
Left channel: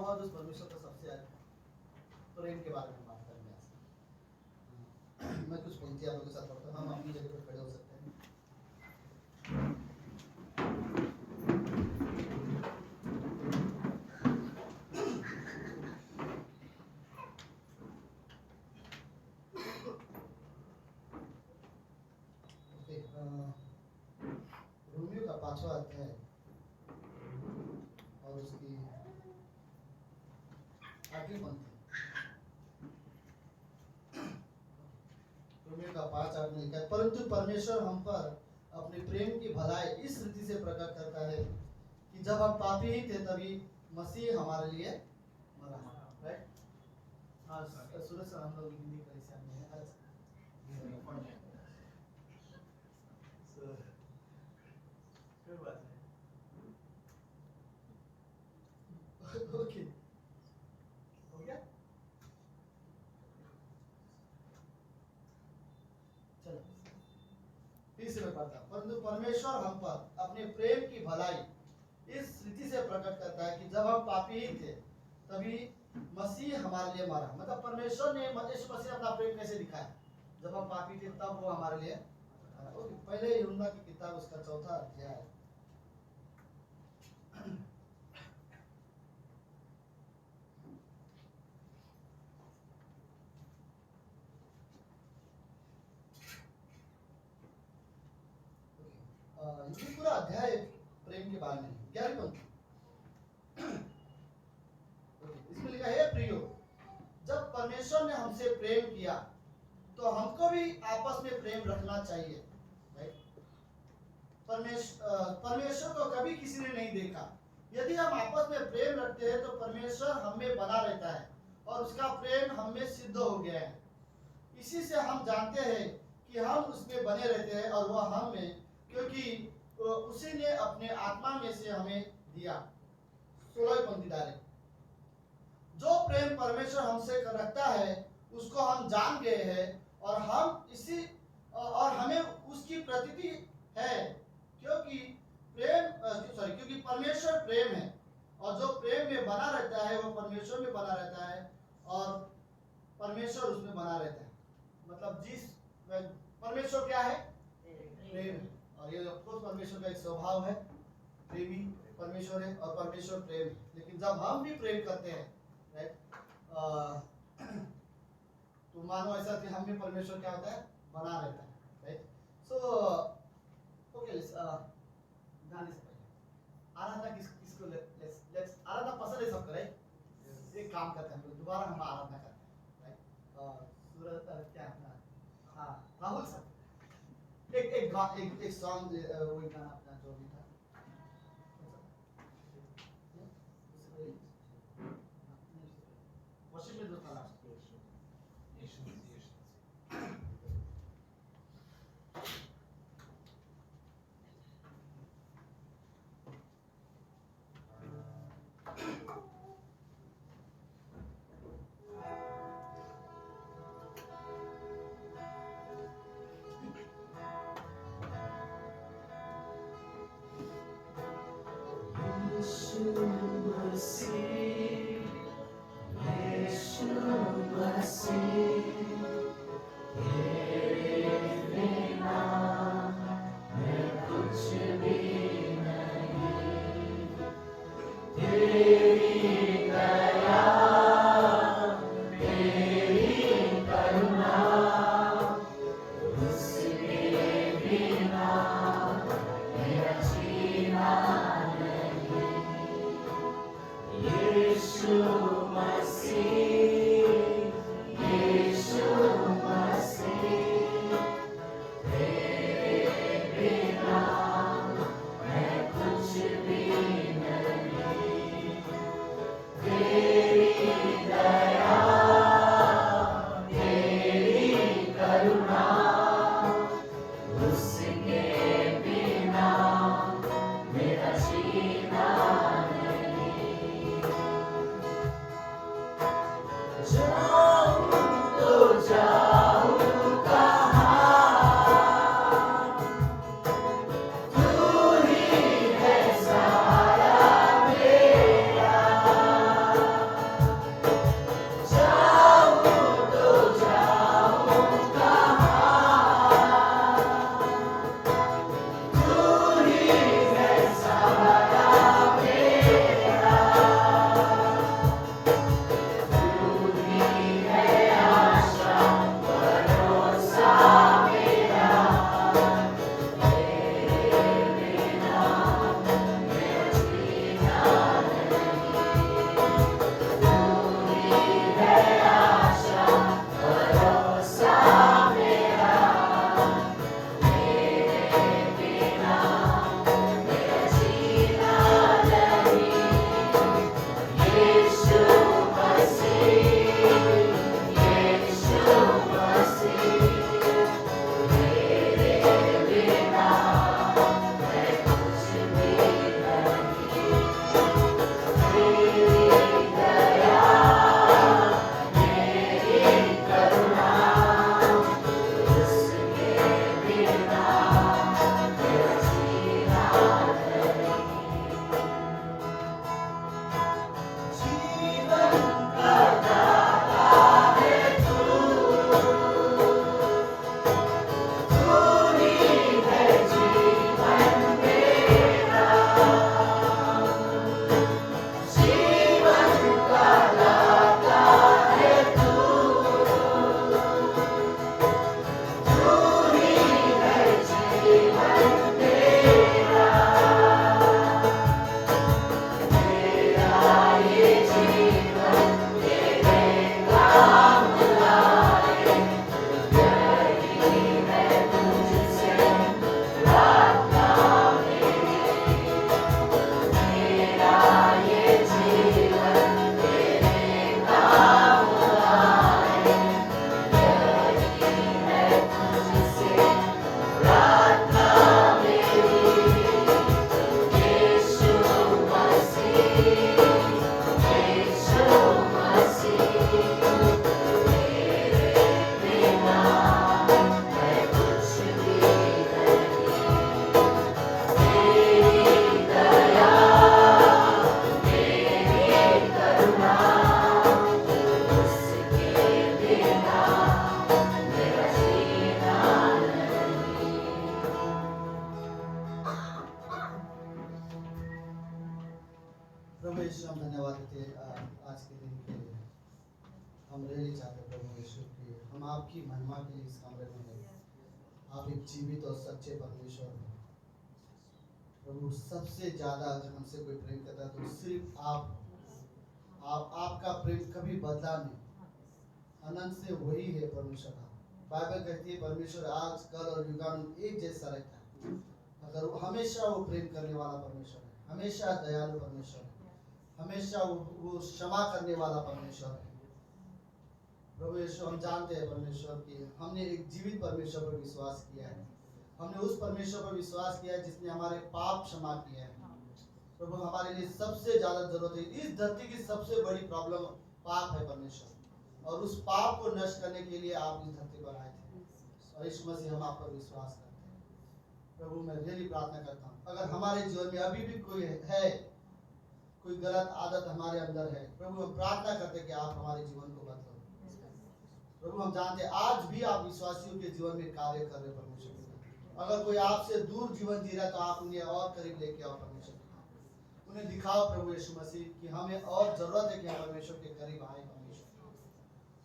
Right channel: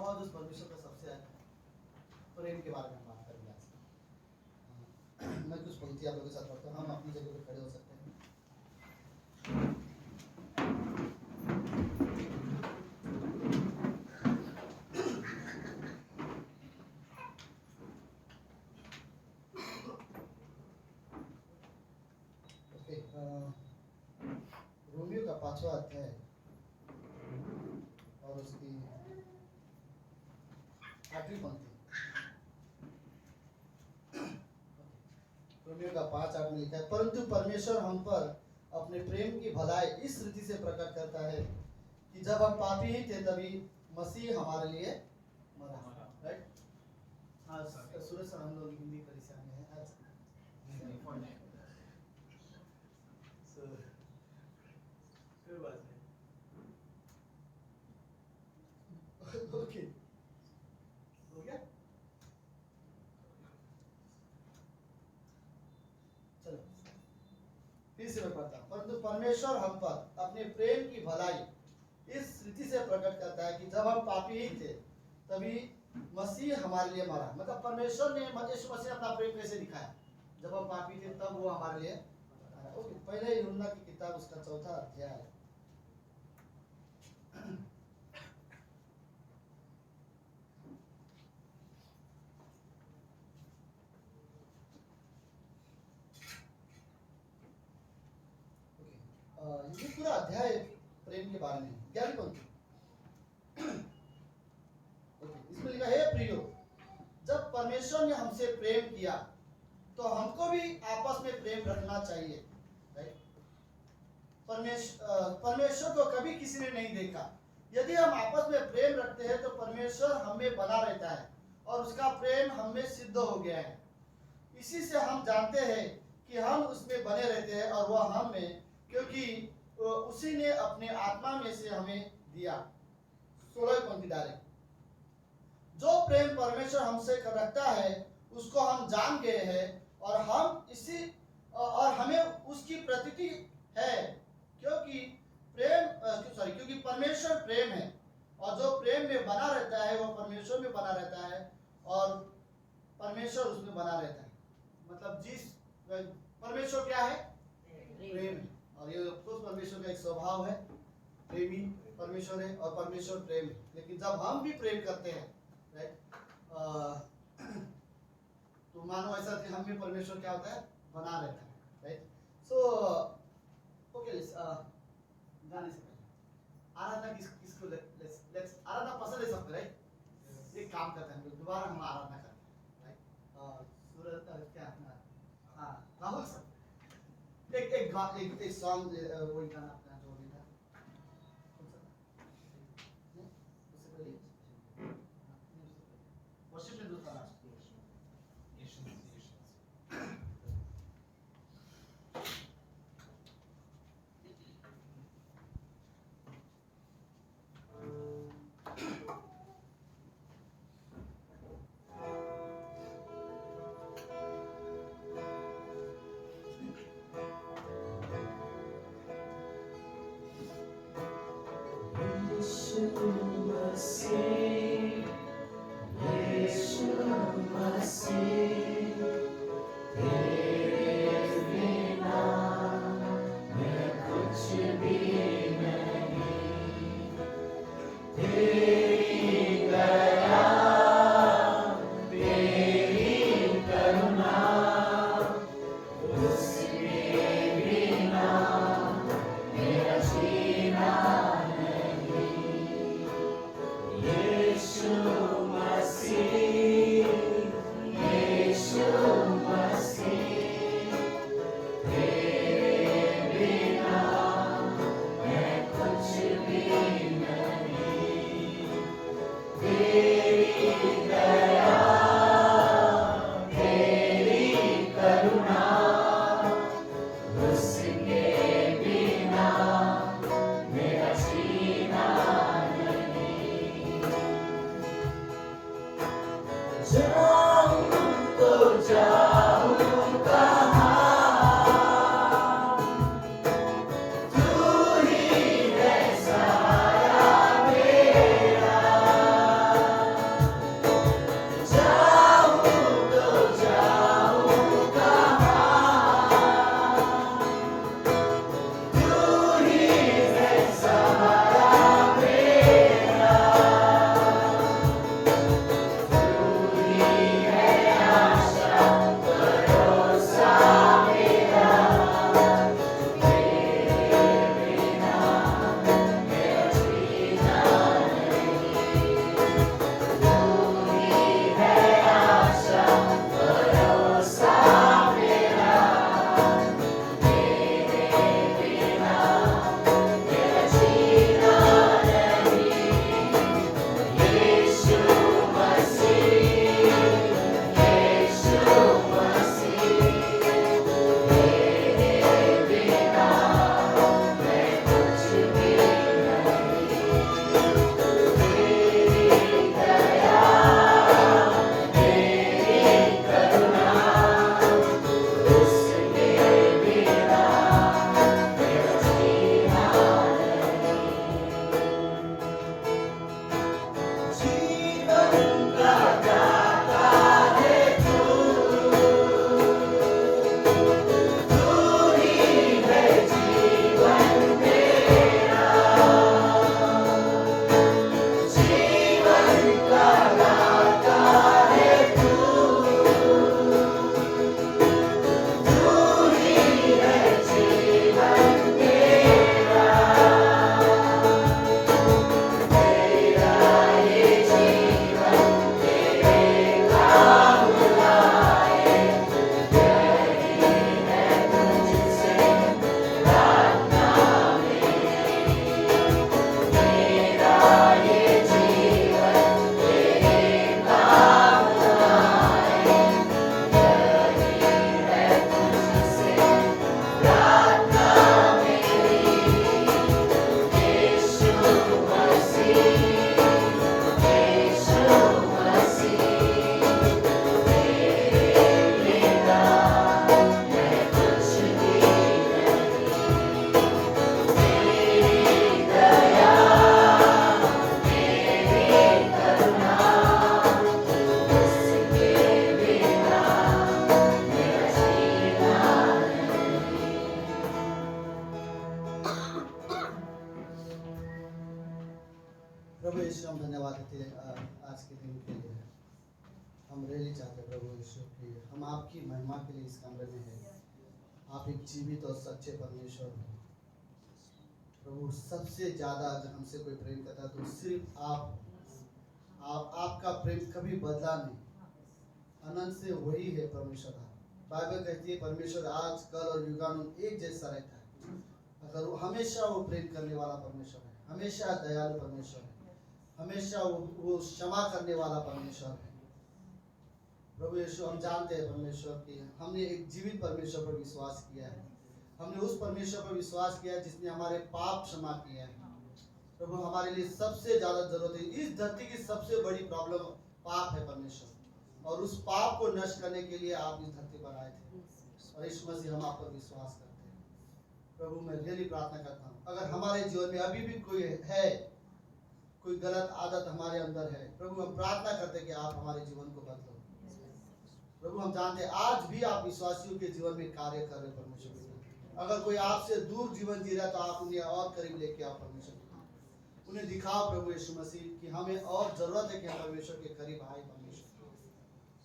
स्वभाव उस परमेश्वर का सबसे प्रेम के बारे में बात करेंगे आज। मैं कुछ पंक्ति आप लोगों के साथ पढ़ता हूँ, हम अपनी जगह पे खड़े हो सकते हैं। रोमियो का 5वां अध्याय और उसकी 8वीं पंक्ति। रोमियो का 5:8 में लिखा है, परंतु परमेश्वर हम पर अपने प्रेम की भलाई इस रीति से प्रकट करता है कि जब हम पापी ही थे तभी मसीह हमारे लिए मरा। राइट? हाँ सूरज सर, हम लोग हिंदी कलिसिया में हैं आज। कोई बात नहीं। ओके, हो गया? चलो फिर से मैं पढ़ता हूँ। परंतु परमेश्वर हम पर अपने प्रेम की भलाई इस रीति से प्रकट करता है कि जब हम पापी ही थे तभी मसीह हमारे लिए मरा। मतलब परमेश्वर ने यीशु मसीह अपना प्रेम कैसे दिखाया? जब हम पापी थे तब वो हमारे लिए मरा। ओके, पहले यूहन्ना की किताब उसका 4था अध्याय। ये पूरा अध्याय प्रेम के बारे में 11वीं पंक्ति। इसमें लिखा है, प्रियो, जब परमेश्वर ने हमसे प्रेम किया तो हमको भी आपस में प्रेम रखना चाहिए। राइट? परमेश्वर को कभी किसी ने नहीं देखा। यदि हम आपस में प्रेम रखते हैं तो परमेश्वर हम में बना रहता है और उसका प्रेम हम में सिद्ध हो गया है। इसी से हम जानते हैं कि हम उसमें बने रहते हैं और वह हम में, क्योंकि उसी ने अपने आत्मा में से हमें दिया। 16वीं पंक्ति डालें, जो प्रेम परमेश्वर हमसे रखता है उसको हम जान गए हैं और हमें उसकी प्रतीति है, क्योंकि परमेश्वर प्रेम है और जो प्रेम में बना रहता है वो परमेश्वर में बना रहता है और परमेश्वर उसमें बना रहता है। मतलब परमेश्वर क्या है? प्रेम है। और ये परमेश्वर का एक स्वभाव है, प्रेमी परमेश्वर है और परमेश्वर प्रेम है। लेकिन जब हम भी प्रेम करते हैं, राइट, तो मानो ऐसा कि हम भी परमेश्वर क्या होता है? बना रहता है। राइट? सो ओके, जाने से पहले आराधना किसको लेट्स आराधना पसंद है सबको। राइट? एक काम करते हैं, हम लोग दोबारा हम आराधना करते हैं। राइट? सूरज क्या अपना, हाँ राहुल सर, एक सॉन्ग, वही गाना अपना जो भी था उससे पहले वर्शिप में जो था लास्ट। आपकी महिमा के लिए इस कमरे में है। आप एक जीवित और सच्चे परमेश्वर हो प्रभु। सबसे ज्यादा अगर हमसे कोई प्रेम करता है तो सिर्फ आपका प्रेम कभी बदला नहीं, अनंत से वही है परमेश्वर। बाइबल कहती है परमेश्वर आज कल और युगानुयुग एक जैसा रहता है। अगर वो हमेशा वो प्रेम करने वाला परमेश्वर है, हमेशा दयालु परमेश्वर है, हमेशा वो क्षमा करने वाला परमेश्वर है। प्रभु यीशु, हम जानते हैं परमेश्वर की हमने एक जीवित परमेश्वर पर विश्वास किया है। हमने उस परमेश्वर पर विश्वास किया है जिसने हमारे पाप क्षमा किए हैं। प्रभु, हमारे लिए सबसे ज्यादा जरूरत है, इस धरती की सबसे बड़ी प्रॉब्लम पाप है परमेश्वर, और उस पाप को नष्ट करने के लिए आप इस धरती पर आए थे, और यीशु मसीह हम आप पर विश्वास करते हैं। प्रभु, मैं रियली प्रार्थना करता हूँ अगर हमारे जीवन में अभी भी कोई गलत आदत हमारे अंदर है, प्रभु हम प्रार्थना करते हैं कि आप हमारे जीवन को बदलो। प्रभु, हम जानते हैं आज भी आप विश्वासियों के जीवन में कार्य कर रहे परमेश्वर। अगर कोई आपसे दूर जीवन जी रहा है तो आप उन्हें और करीब लेके आओ परमेश्वर, उन्हें दिखाओ प्रभु यीशु मसीह कि हमें और जरूरत है कि हम परमेश्वर के करीब आए परमेश्वर।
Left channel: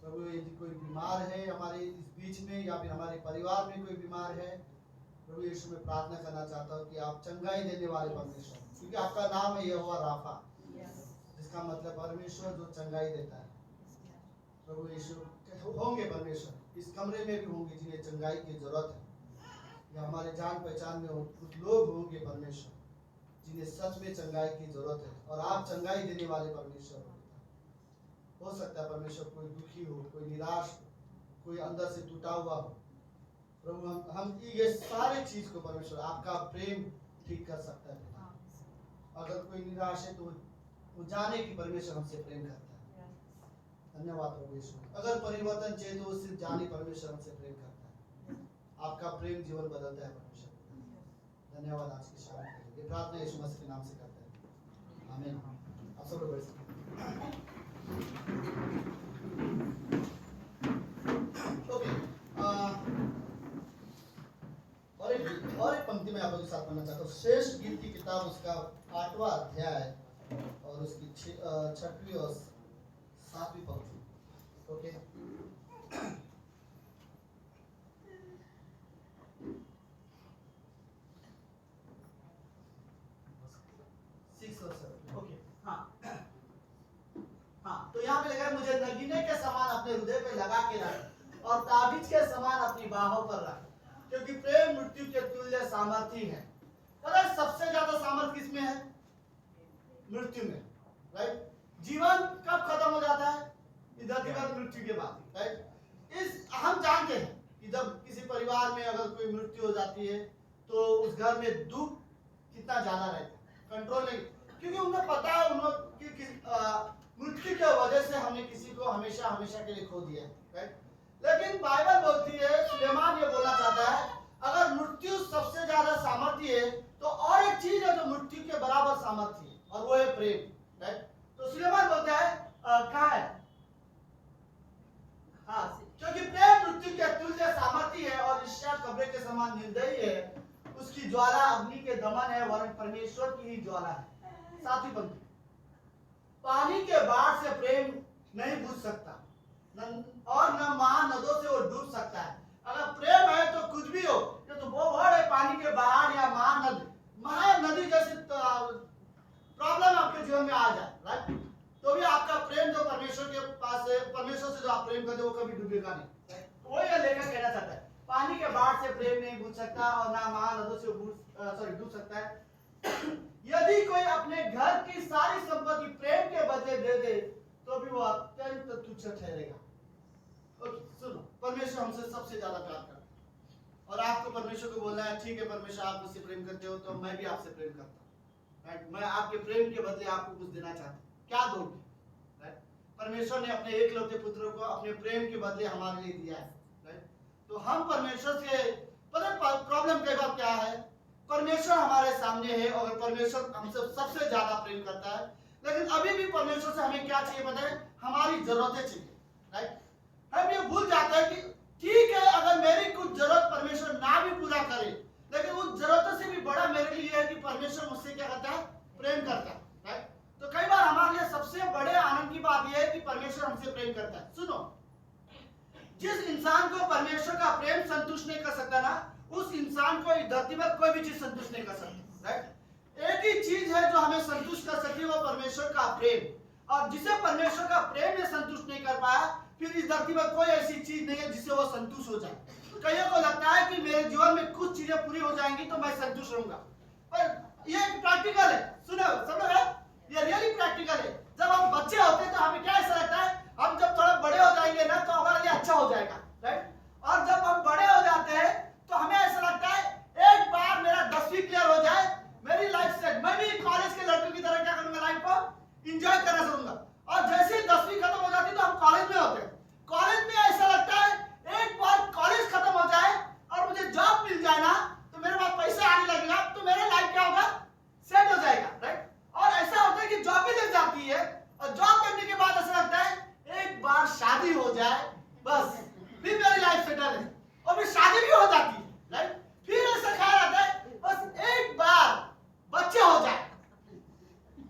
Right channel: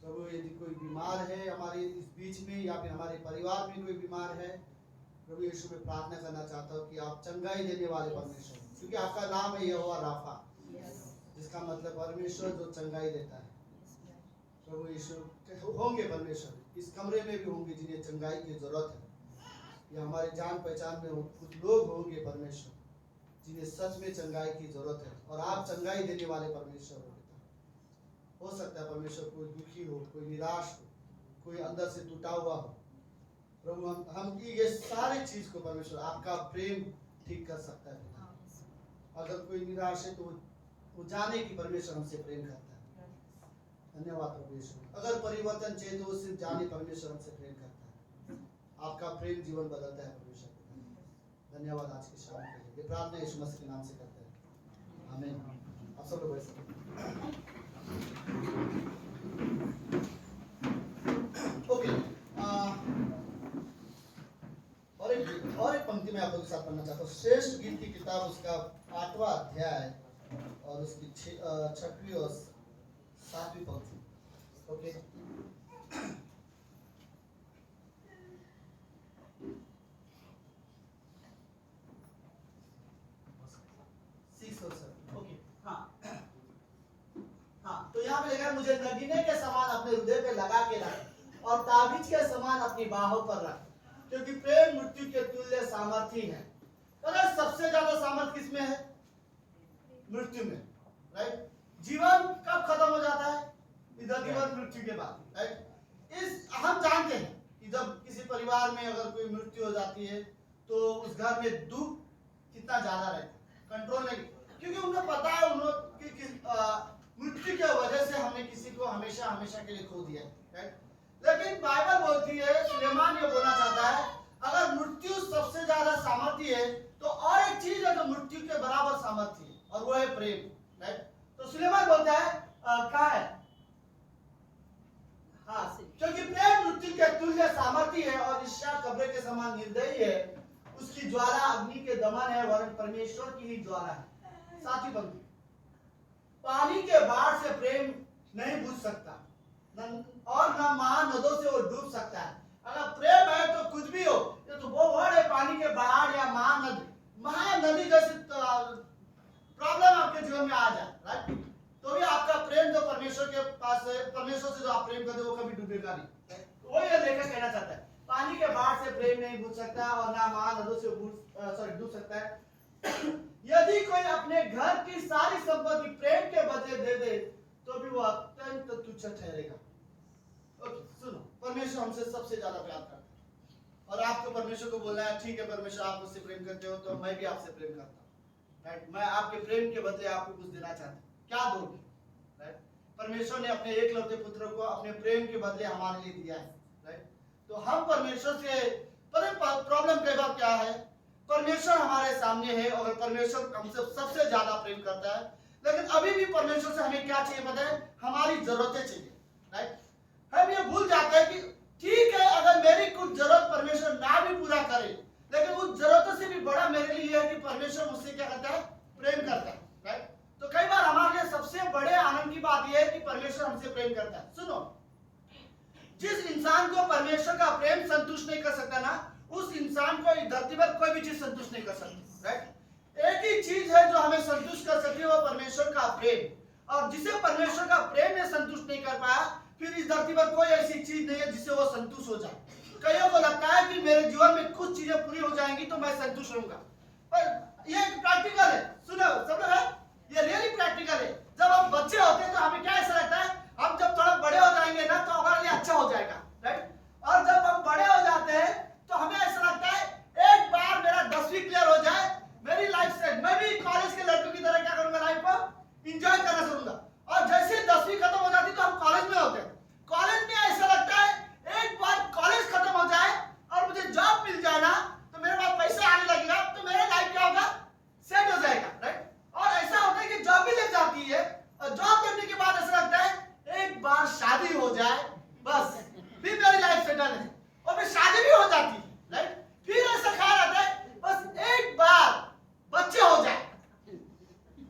प्रभु, यदि कोई बीमार है हमारे इस बीच में या फिर हमारे परिवार में कोई बीमार है, प्रभु यीशु में प्रार्थना करना चाहता हूँ कि आप चंगाई देने वाले परमेश्वर, क्योंकि आपका नाम है यहोवा राफा, जिसका मतलब परमेश्वर जो चंगाई देता है। प्रभु यीशु होंगे परमेश्वर इस कमरे में भी होंगे जिन्हें चंगाई की जरूरत है, या हमारे जान पहचान में कुछ लोग होंगे परमेश्वर जिन्हें सच में चंगाई की जरूरत है, और आप चंगाई देने वाले परमेश्वर हो सकता है परमेश्वर कोई दुखी हो, कोई निराश हो, कोई अंदर से टूटा हुआ हो। प्रभु, हम ये सारी चीज को परमेश्वर आपका प्रेम ठीक कर सकता है। अगर कोई निराश है तो वो जाने कि परमेश्वर हमसे प्रेम करता है। धन्यवाद प्रभु यीशु। अगर परिवर्तन चाहिए तो सिर्फ जाने परमेश्वर हमसे प्रेम करता है। आपका प्रेम जीवन बदलता है परमेश्वर। धन्यवाद आज की शाम के लिए। ये प्रार्थना यीशु मसीह के नाम से करते हैं, आमीन। आप सब लोग बैठ सकते हैं। ओके, और एक पंक्ति में आप लोगों के साथ पढ़ना चाहता हूँ। श्रेष्ठ गीत की किताब उसका 8वां अध्याय और उसकी 6वीं और 7वीं पंक्ति। ओके, तो यहाँ पे लिखा है, मुझे नगीने के समान अपने हृदय पे लगा के रख और ताबीज के समान अपनी बाहों पर रख, क्योंकि प्रेम मृत्यु के तुल्य सामर्थी है। पर सबसे ज्यादा सामर्थ किसमें है? मृत्यु में, राइट। जीवन कब खत्म हो जाता है? इधर जीवन मृत्यु के बाद, राइट। इस हम जानते हैं कि जब किसी परिवार में अगर कोई मृत्यु हो जाती है तो उस घर में दुख कितना ज्यादा रहता है, कंट्रोल नहीं, क्योंकि उन्हें पता है मृत्यु की वजह से हमने किसी को हमेशा हमेशा के लिए खो दिया है, राइट। लेकिन बाइबल बोलती है, सुलेमान ये बोलना चाहता है, अगर मृत्यु सबसे ज्यादा सामर्थ्य है तो और एक चीज है जो मृत्यु के बराबर सामर्थ्य है, और वो है प्रेम, राइट। तो सुलेमान बोलता है कहाँ है? हाँ, क्योंकि प्रेम मृत्यु के तुल्य सामर्थ्य है और ईर्ष्या कब्र के समान निर्दयी है। उसकी ज्वाला अग्नि के दमन है, वरन परमेश्वर की ही ज्वाला है। 7वीं पंक्ति, पानी के बाढ़ से प्रेम नहीं बुझ सकता और न महानदों से वो डूब सकता है। अगर प्रेम है तो कुछ भी हो, ये तो वो वर्ड है, पानी के बाढ़ या महानदी जैसी प्रॉब्लम आपके जीवन में आ जाए, राइट, तो भी आपका प्रेम जो परमेश्वर के पास है, परमेश्वर से जो आप प्रेम करते हो वो कभी डूबेगा नहीं। वो ये लेकर कहना चाहता है, पानी के बाढ़ से प्रेम नहीं बुझ सकता और ना महानदों से डूब सकता है। यदि कोई अपने घर की सारी संपत्ति प्रेम के बदले दे दे तो भी वो अत्यंत तुच्छ ठहरेगा। ओके, सुनो, परमेश्वर हमसे सबसे ज्यादा प्यार करता है और आपको परमेश्वर को बोलना है, ठीक है परमेश्वर आप मुझसे प्रेम करते हो तो मैं भी आपसे प्रेम करता हूँ, राइट। मैं आपके प्रेम के बदले आपको कुछ देना चाहता हूँ, क्या दोगे, राइट। परमेश्वर ने अपने एकलौते पुत्र को अपने प्रेम के बदले हमारे लिए दिया है, राइट। तो हम परमेश्वर से, पता प्रॉब्लम कई बार क्या है, परमेश्वर हमारे सामने है और परमेश्वर हमसे सबसे ज्यादा प्रेम करता है, लेकिन अभी भी परमेश्वर से हमें क्या चाहिए पता है? हमारी जरूरतें चाहिए, राइट। हम ये भूल जाते हैं कि ठीक है अगर मेरी कुछ जरूरत परमेश्वर ना भी पूरा करे, लेकिन उस जरूरतों से भी बड़ा मेरे लिए है कि परमेश्वर मुझसे क्या करता है? प्रेम करता है, राइट। तो कई बार हमारे लिए सबसे बड़े आनंद की बात यह है कि परमेश्वर हमसे प्रेम करता है। सुनो, जिस इंसान को परमेश्वर का प्रेम संतुष्ट नहीं कर सकता ना, उस इंसान को इस धरती पर कोई भी चीज संतुष्ट नहीं कर सकती, राइट। एक ही चीज है जो हमें संतुष्ट कर सकती है, वो परमेश्वर का प्रेम। और जिसे परमेश्वर का प्रेम में संतुष्ट नहीं कर पाया, फिर इस धरती पर कोई ऐसी चीज नहीं है जिससे वो संतुष्ट हो जाए। कईयों को लगता है कि मेरे जीवन में कुछ चीजें पूरी हो जाएंगी तो मैं संतुष्ट रहूंगा, पर ये एक प्रैक्टिकल है। सुनो सब लोग, ये रियली प्रैक्टिकल है। जब हम बच्चे होते हैं तो हमें क्या ऐसा लगता है, हम जब थोड़ा बड़े हो जाएंगे ना तो हमारे लिए अच्छा हो जाएगा, राइट। और जब हम बड़े हो जाते हैं तो हमें ऐसा लगता है एक बार मेरा 10वीं क्लियर हो जाए, मेरी लाइफ सेट, मैं भी कॉलेज के लड़कों की तरह क्या करूंगा, लाइफ को एंजॉय करना चाहूंगा। और जैसे 10वीं खत्म हो जाती तो हम कॉलेज में होते हैं। कॉलेज में ऐसा लगता है एक बार कॉलेज खत्म हो जाए और मुझे जॉब मिल जाए ना, तो मेरे पास पैसा आने लगेगा, तो मेरा लाइफ क्या होगा, सेट हो जाएगा, राइट। और ऐसा होता है कि जॉब भी लग जाती है, और जॉब करने के बाद ऐसा लगता है एक बार शादी हो जाए, बस फिर मेरी लाइफ सेटल है। और फिर शादी भी हो जाती है, राइट। फिर ऐसा ख्याल आता है बस एक बार बच्चे हो जाए,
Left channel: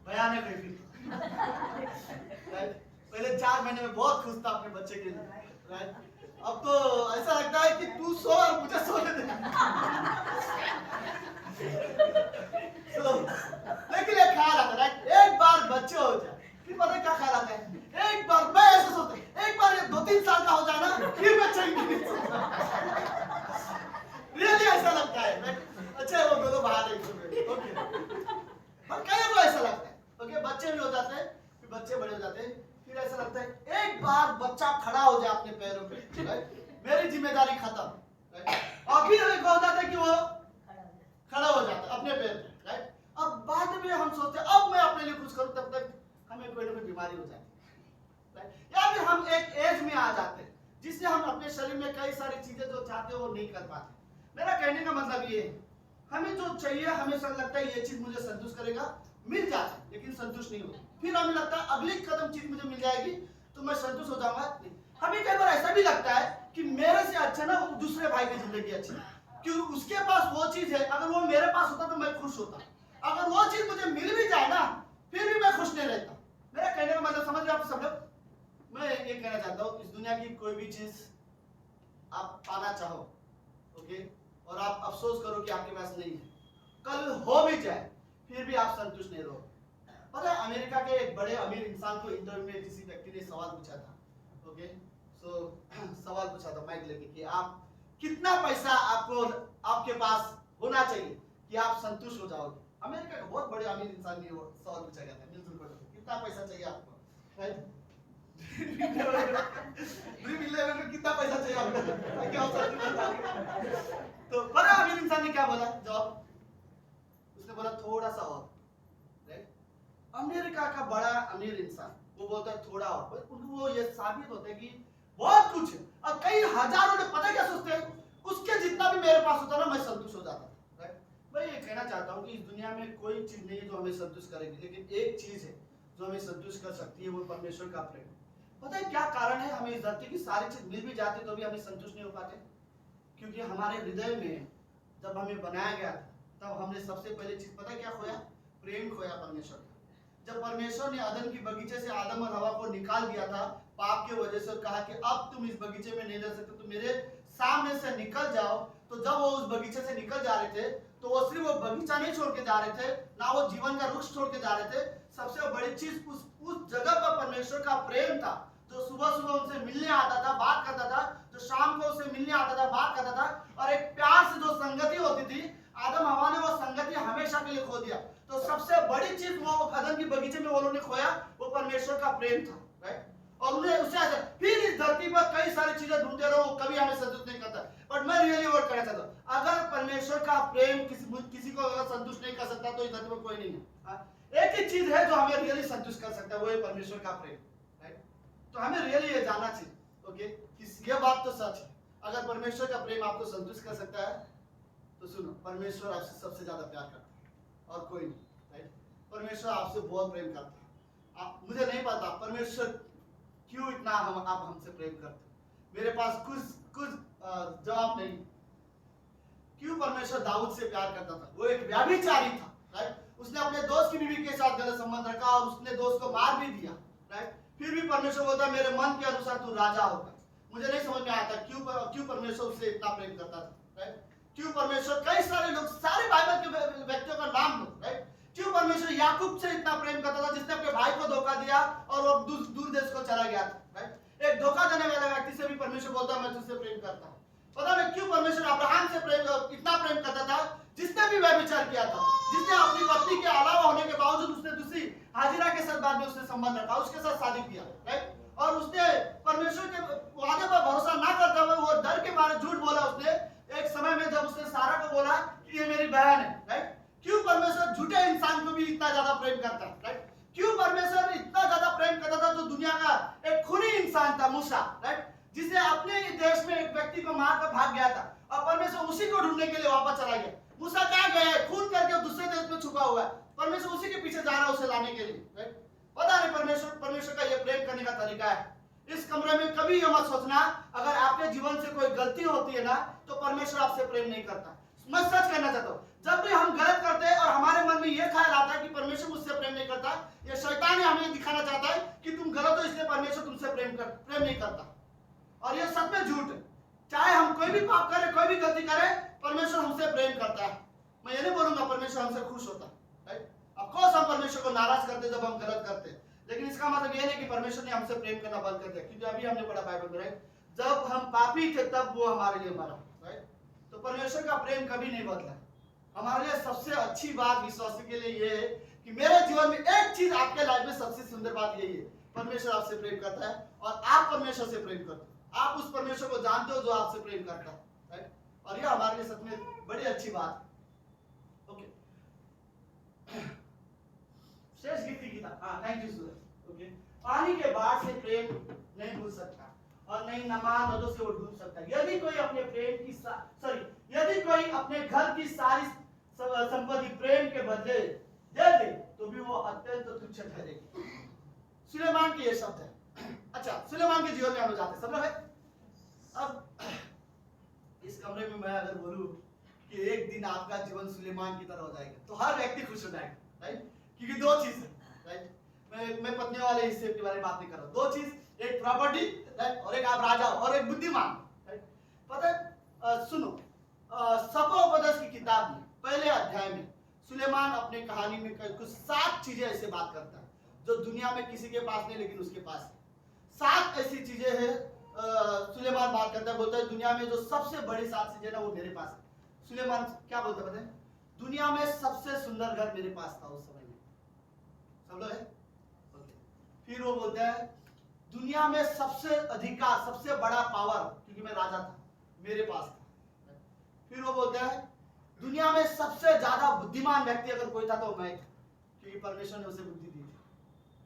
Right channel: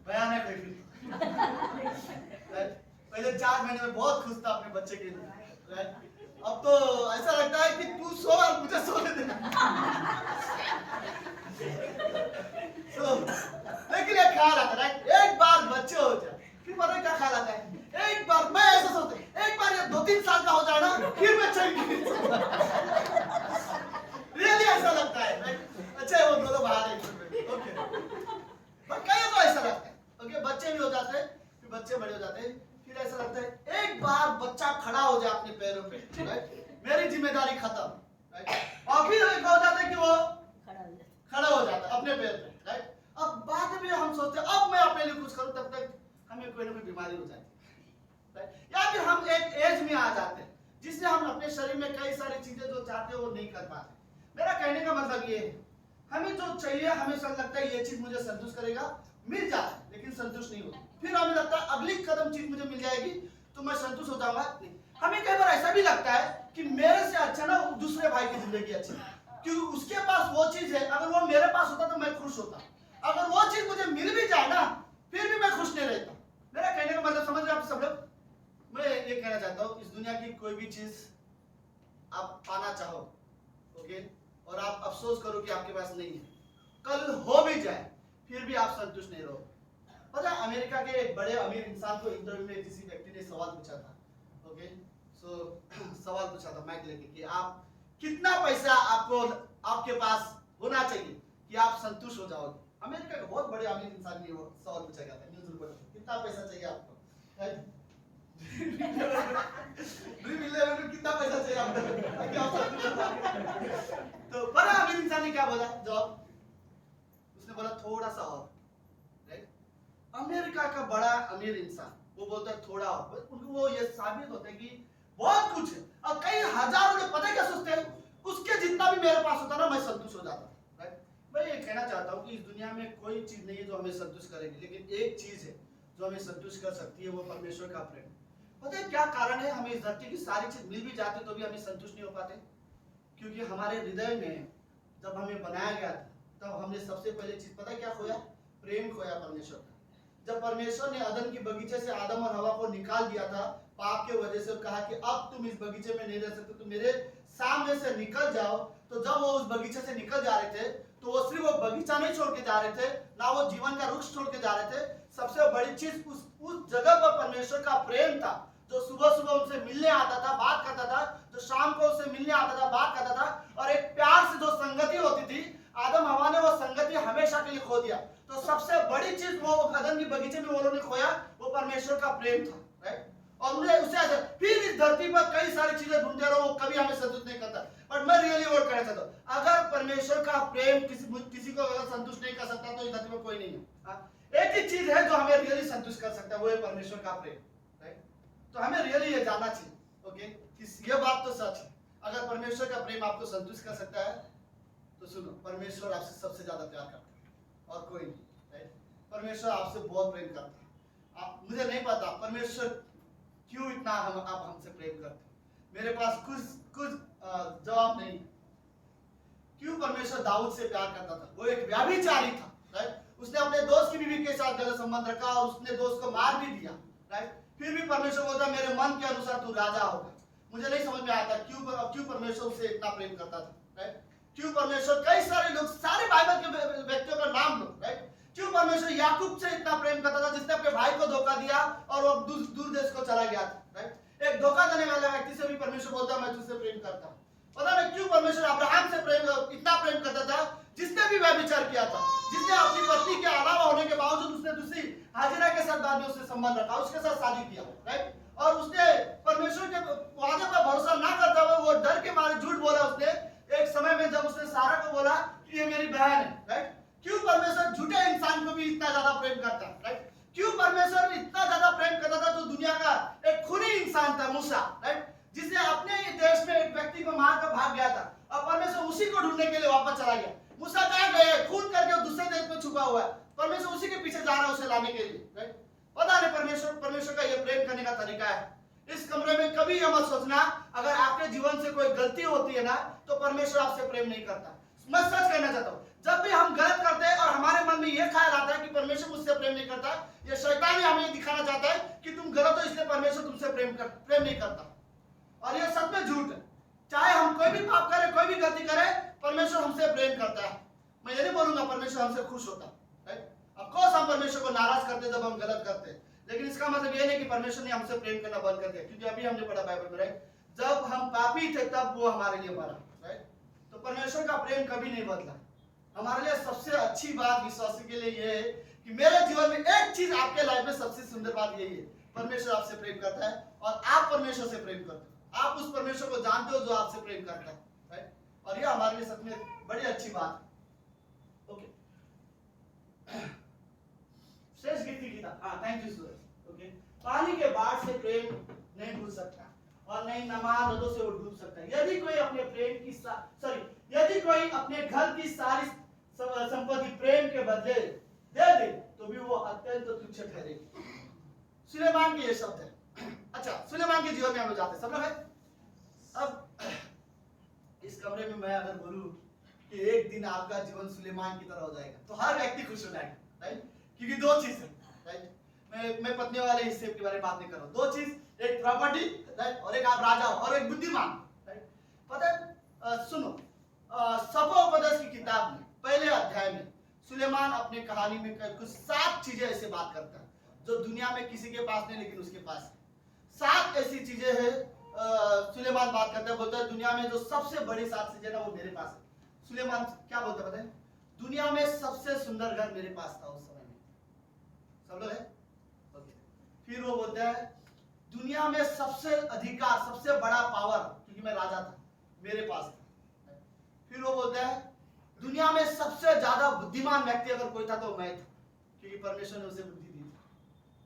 बयान है कोई राइट। पहले 4 महीने में बहुत खुश था अपने बच्चे के लिए, राइट। अब तो ऐसा लगता है कि तू सो और मुझे सोने दे। लेकिन एक ख्याल आता है, राइट, एक बार बच्चे हो जाए, फिर पता है क्या ख्याल आता है, एक बार मैं ऐसा सोचता हूं, एक बार ये 2-3 साल का हो जाए ना, फिर मैं चाहिए। रियली ऐसा लगता है, राइट। अच्छा है वो दोनों बाहर है, ओके। पर कई को ऐसा लगता है, ओके, बच्चे भी हो जाते हैं, फिर बच्चे बड़े हो जाते हैं, फिर ऐसा लगता है एक बार बच्चा खड़ा हो जाए अपने पैरों पे, राइट, मेरी जिम्मेदारी खत्म, राइट। और फिर एक हो जाता है कि वो खड़ा हो जाता है अपने पैर पे, राइट। अब बाद में हम सोचते हैं अब मैं अपने लिए कुछ करूं, तब तक हमें कोई ना कोई बीमारी हो जाती है, राइट। या फिर हम एक एज में आ जाते हैं जिससे हम अपने शरीर में कई सारी चीजें जो चाहते हैं वो नहीं कर पाते। मेरा कहने का मतलब ये है, हमें जो चाहिए हमेशा लगता है ये चीज मुझे संतुष्ट करेगा, मिल जाता है, लेकिन संतुष्ट नहीं होता। फिर हमें लगता है अगली कदम चीज मुझे मिल जाएगी तो मैं संतुष्ट हो जाऊंगा, नहीं। हमें कई बार ऐसा भी लगता है कि मेरे से अच्छा ना दूसरे भाई की जिंदगी अच्छी है, क्योंकि उसके पास वो चीज है, अगर वो मेरे पास होता तो मैं खुश होता। अगर वो चीज मुझे मिल भी जाए ना, फिर भी मैं खुश नहीं रहता। मेरा कहने का मतलब समझ रहे आप सब लोग? मैं ये कहना चाहता हूँ, इस दुनिया की कोई भी चीज आप पाना चाहो, ओके, और आप अफसोस करो कि आपके पास नहीं है, कल हो भी जाए फिर भी आप संतुष्ट नहीं रहोगे। पता है अमेरिका के एक बड़े अमीर इंसान को इंटरव्यू में किसी व्यक्ति ने सवाल पूछा था, ओके, सवाल पूछा था माइक लेके कि आप कितना पैसा आपको आपके पास होना चाहिए कि आप संतुष्ट हो जाओगे। अमेरिका का बहुत बड़े अमीर इंसान ने वो सवाल पूछा गया था न्यूज़ रिपोर्टर से, कितना पैसा चाहिए आपको, राइट। ड्रीम 11 में कितना पैसा चाहिए आपको क्या तो बड़ा अमीर इंसान ने क्या बोला जवाब, उसने बोला थोड़ा सा और, राइट। अमेरिका का बड़ा अमीर इंसान वो बोलता है थोड़ा और, उनको वो ये साबित होता है कि बहुत कुछ है, और कई हजारों ने पता क्या सोचते हैं, उसके जितना भी मेरे पास होता ना मैं संतुष्ट हो जाता, राइट। मैं ये कहना चाहता हूँ कि इस दुनिया में कोई चीज नहीं है जो हमें संतुष्ट करेगी, लेकिन एक चीज है जो हमें संतुष्ट कर सकती है, वो परमेश्वर का प्रेम। पता है क्या कारण है, हमें इस धरती की सारी चीज मिल भी जाती तो भी हमें संतुष्ट नहीं हो पाते, क्योंकि हमारे हृदय में जब हमें बनाया गया था तब हमने सबसे पहले चीज पता है क्या खोया, प्रेम खोया परमेश्वर का। जब परमेश्वर ने अदन की बगीचे से आदम और हवा को निकाल दिया था पाप के वजह से, कहा कि अब तुम इस बगीचे में नहीं रह सकते, तो मेरे सामने से निकल जाओ। तो जब वो उस बगीचे से निकल जा रहे थे तो वो सिर्फ वो बगीचा नहीं छोड़ के जा रहे थे, ना वो जीवन का वृक्ष छोड़ के जा रहे थे, सबसे बड़ी चीज उस जगह पर परमेश्वर का प्रेम था, जो सुबह सुबह उनसे मिलने आता था, बात करता था, जो शाम को उससे मिलने आता था, बात करता था, और एक प्यार से जो संगति होती थी, आदम हवा ने वो संगति हमेशा के लिए खो दिया। तो सबसे बड़ी चीज वो अदन की बगीचे में वो लोगों ने खोया, वो परमेश्वर का प्रेम था, राइट। और उन्हें उससे ऐसा फिर इस धरती पर कई सारी चीजें ढूंढते रहो, कभी हमें संतुष्ट नहीं करता। बट मैं रियली वर्ड कहना चाहता हूँ, अगर परमेश्वर का प्रेम किसी को अगर संतुष्ट नहीं कर सकता तो इस धरती पर कोई नहीं है। एक ही चीज है जो हमें रियली संतुष्ट कर सकता है, वो है परमेश्वर का प्रेम, राइट। तो हमें रियली ये जानना चाहिए, ओके, कि ये बात तो सच है, अगर परमेश्वर का प्रेम आपको संतुष्ट कर सकता है तो सुनो, परमेश्वर आपसे सबसे ज्यादा प्यार करता है और कोई नहीं, राइट। परमेश्वर आपसे बहुत प्रेम करता है। मुझे नहीं पता परमेश्वर क्यों इतना आप हमसे प्रेम करते हैं, मेरे पास कुछ जवाब नहीं। क्यों परमेश्वर दाऊद से प्यार करता था, वो एक व्यभिचारी था, राइट। उसने अपने दोस्त की बीवी के साथ गलत संबंध रखा और उसने दोस्त को मार भी दिया, राइट। फिर भी परमेश्वर बोलता है मेरे मन के अनुसार तू राजा होगा, मुझे नहीं समझ में आता क्यों परमेश्वर उसे इतना प्रेम करता था, राइट? क्यों परमेश्वर, कई सारे लोग, सारे बाइबल के व्यक्तियों का नाम लो, राइट? क्यों परमेश्वर याकूब से इतना प्रेम करता था, जिसने अपने भाई को धोखा दिया और वो दूर देश को चला गया था, राइट? एक धोखा देने वाले व्यक्ति से भी परमेश्वर बोलता है मैं तुझसे प्रेम करता हूं। पता नहीं क्यों परमेश्वर अब्राहम से इतना प्रेम करता था, जिसने भी व्यभिचार किया था, जिसने अपनी पत्नी के अलावा होने के बावजूद उसने दूसरी हाजिरा के साथ बाद में उससे संबंध रखा, उसके साथ शादी किया, राइट? और उसने परमेश्वर के वादे पर भरोसा ना करते हुए वो डर के मारे झूठ बोला। उसने एक समय में जब उसने सारा को बोला कि ये मेरी बहन है, राइट? क्यों परमेश्वर झूठे इंसान को भी इतना ज्यादा प्रेम करता है, राइट? क्यों परमेश्वर इतना ज्यादा प्रेम करता था? जो दुनिया का एक खूनी इंसान था मूसा, राइट? जिसने अपने देश में एक व्यक्ति को मारकर भाग गया था और परमेश्वर उसी को ढूंढने के लिए वापस चला गया। मूसा कहाँ गया? खून करके दूसरे देश में छुपा हुआ है, परमेश्वर उसी के पीछे जा रहा है उसे लाने के लिए, राइट? पता नहीं परमेश्वर का यह प्रेम करने का तरीका है। इस कमरे में कभी यह मत सोचना अगर आपके जीवन से कोई गलती होती है ना तो परमेश्वर आपसे प्रेम नहीं करता। मैं सच कहना चाहता हूँ, जब भी हम गलत करते हैं और हमारे मन में यह ख्याल आता है कि परमेश्वर मुझसे प्रेम नहीं करता, यह शैतान हमें दिखाना चाहता है कि तुम गलत हो इसलिए परमेश्वर तुमसे प्रेम नहीं करता। और यह सच में झूठ है। चाहे हम कोई भी पाप करें, कोई भी गलती करें, परमेश्वर हमसे प्रेम करता है। मैं ये नहीं बोलूंगा परमेश्वर हमसे खुश होता है, राइट? ऑफ कोर्स हम परमेश्वर को नाराज करते जब हम गलत करते हैं, लेकिन इसका मतलब ये नहीं कि परमेश्वर ने हमसे प्रेम करना बंद कर दिया। क्योंकि अभी हमने पढ़ा बाइबल में, राइट? जब हम पापी थे तब वो हमारे लिए मरा, राइट? तो परमेश्वर का प्रेम कभी नहीं बदला। हमारे लिए सबसे अच्छी बात विश्वासी के लिए ये है कि मेरे जीवन में एक चीज आपके लाइफ में सबसे सुंदर बात यही है, परमेश्वर आपसे प्रेम करता है और आप परमेश्वर से प्रेम करते हो। आप उस परमेश्वर को जानते हो जो आपसे प्रेम करता है, राइट? और ये हमारे लिए सच में बड़ी अच्छी बात है। ओके, शेष गिफ्ट की था। हाँ, थैंक यू सूरज। ओके, पानी के बाढ़ से प्रेम नहीं भूल सकता और नहीं नमाज नदों से वो डूब सकता है। यदि कोई अपने प्रेम की यदि कोई अपने घर की सारी संपत्ति प्रेम के बदले दे दे तो भी वो अत्यंत तुच्छ ठहरेगी। सुलेमान के ये शब्द है। अच्छा, सुलेमान के जीवन में हम लोग जाते सब लोग है। अब इस कमरे में मैं अगर बोलूं कि एक दिन आपका जीवन सुलेमान की तरह हो जाएगा तो हर व्यक्ति खुश हो जाएगा, राइट? क्योंकि दो चीज है, राइट? मैं पत्नियों वाले हिस्से के बारे में बात नहीं कर रहा हूं। दो चीज, एक प्रॉपर्टी, राइट? और एक आप राजा और एक बुद्धिमान, राइट? पता है, सुनो, सपोपदेश की किताब में पहले अध्याय में सुलेमान अपने कहानी में कुछ 7 चीजें ऐसे बात करता है जो दुनिया में किसी के पास नहीं लेकिन उसके पास है। 7 ऐसी चीजें हैं सुलेमान बात करता है, बोलता है दुनिया में जो सबसे बड़ी 7 चीजें ना वो मेरे पास है। सुलेमान क्या बोलता है पता है? दुनिया में सबसे सुंदर घर मेरे पास था उस समय में। सब लोग है? फिर वो बोलता है दुनिया में सबसे अधिकार, सबसे बड़ा पावर, क्योंकि मैं राजा था, मेरे पास था। फिर वो बोलता है दुनिया में सबसे ज्यादा बुद्धिमान व्यक्ति अगर कोई था तो मैं था, क्योंकि परमेश्वर ने उसे बुद्धि दी थी।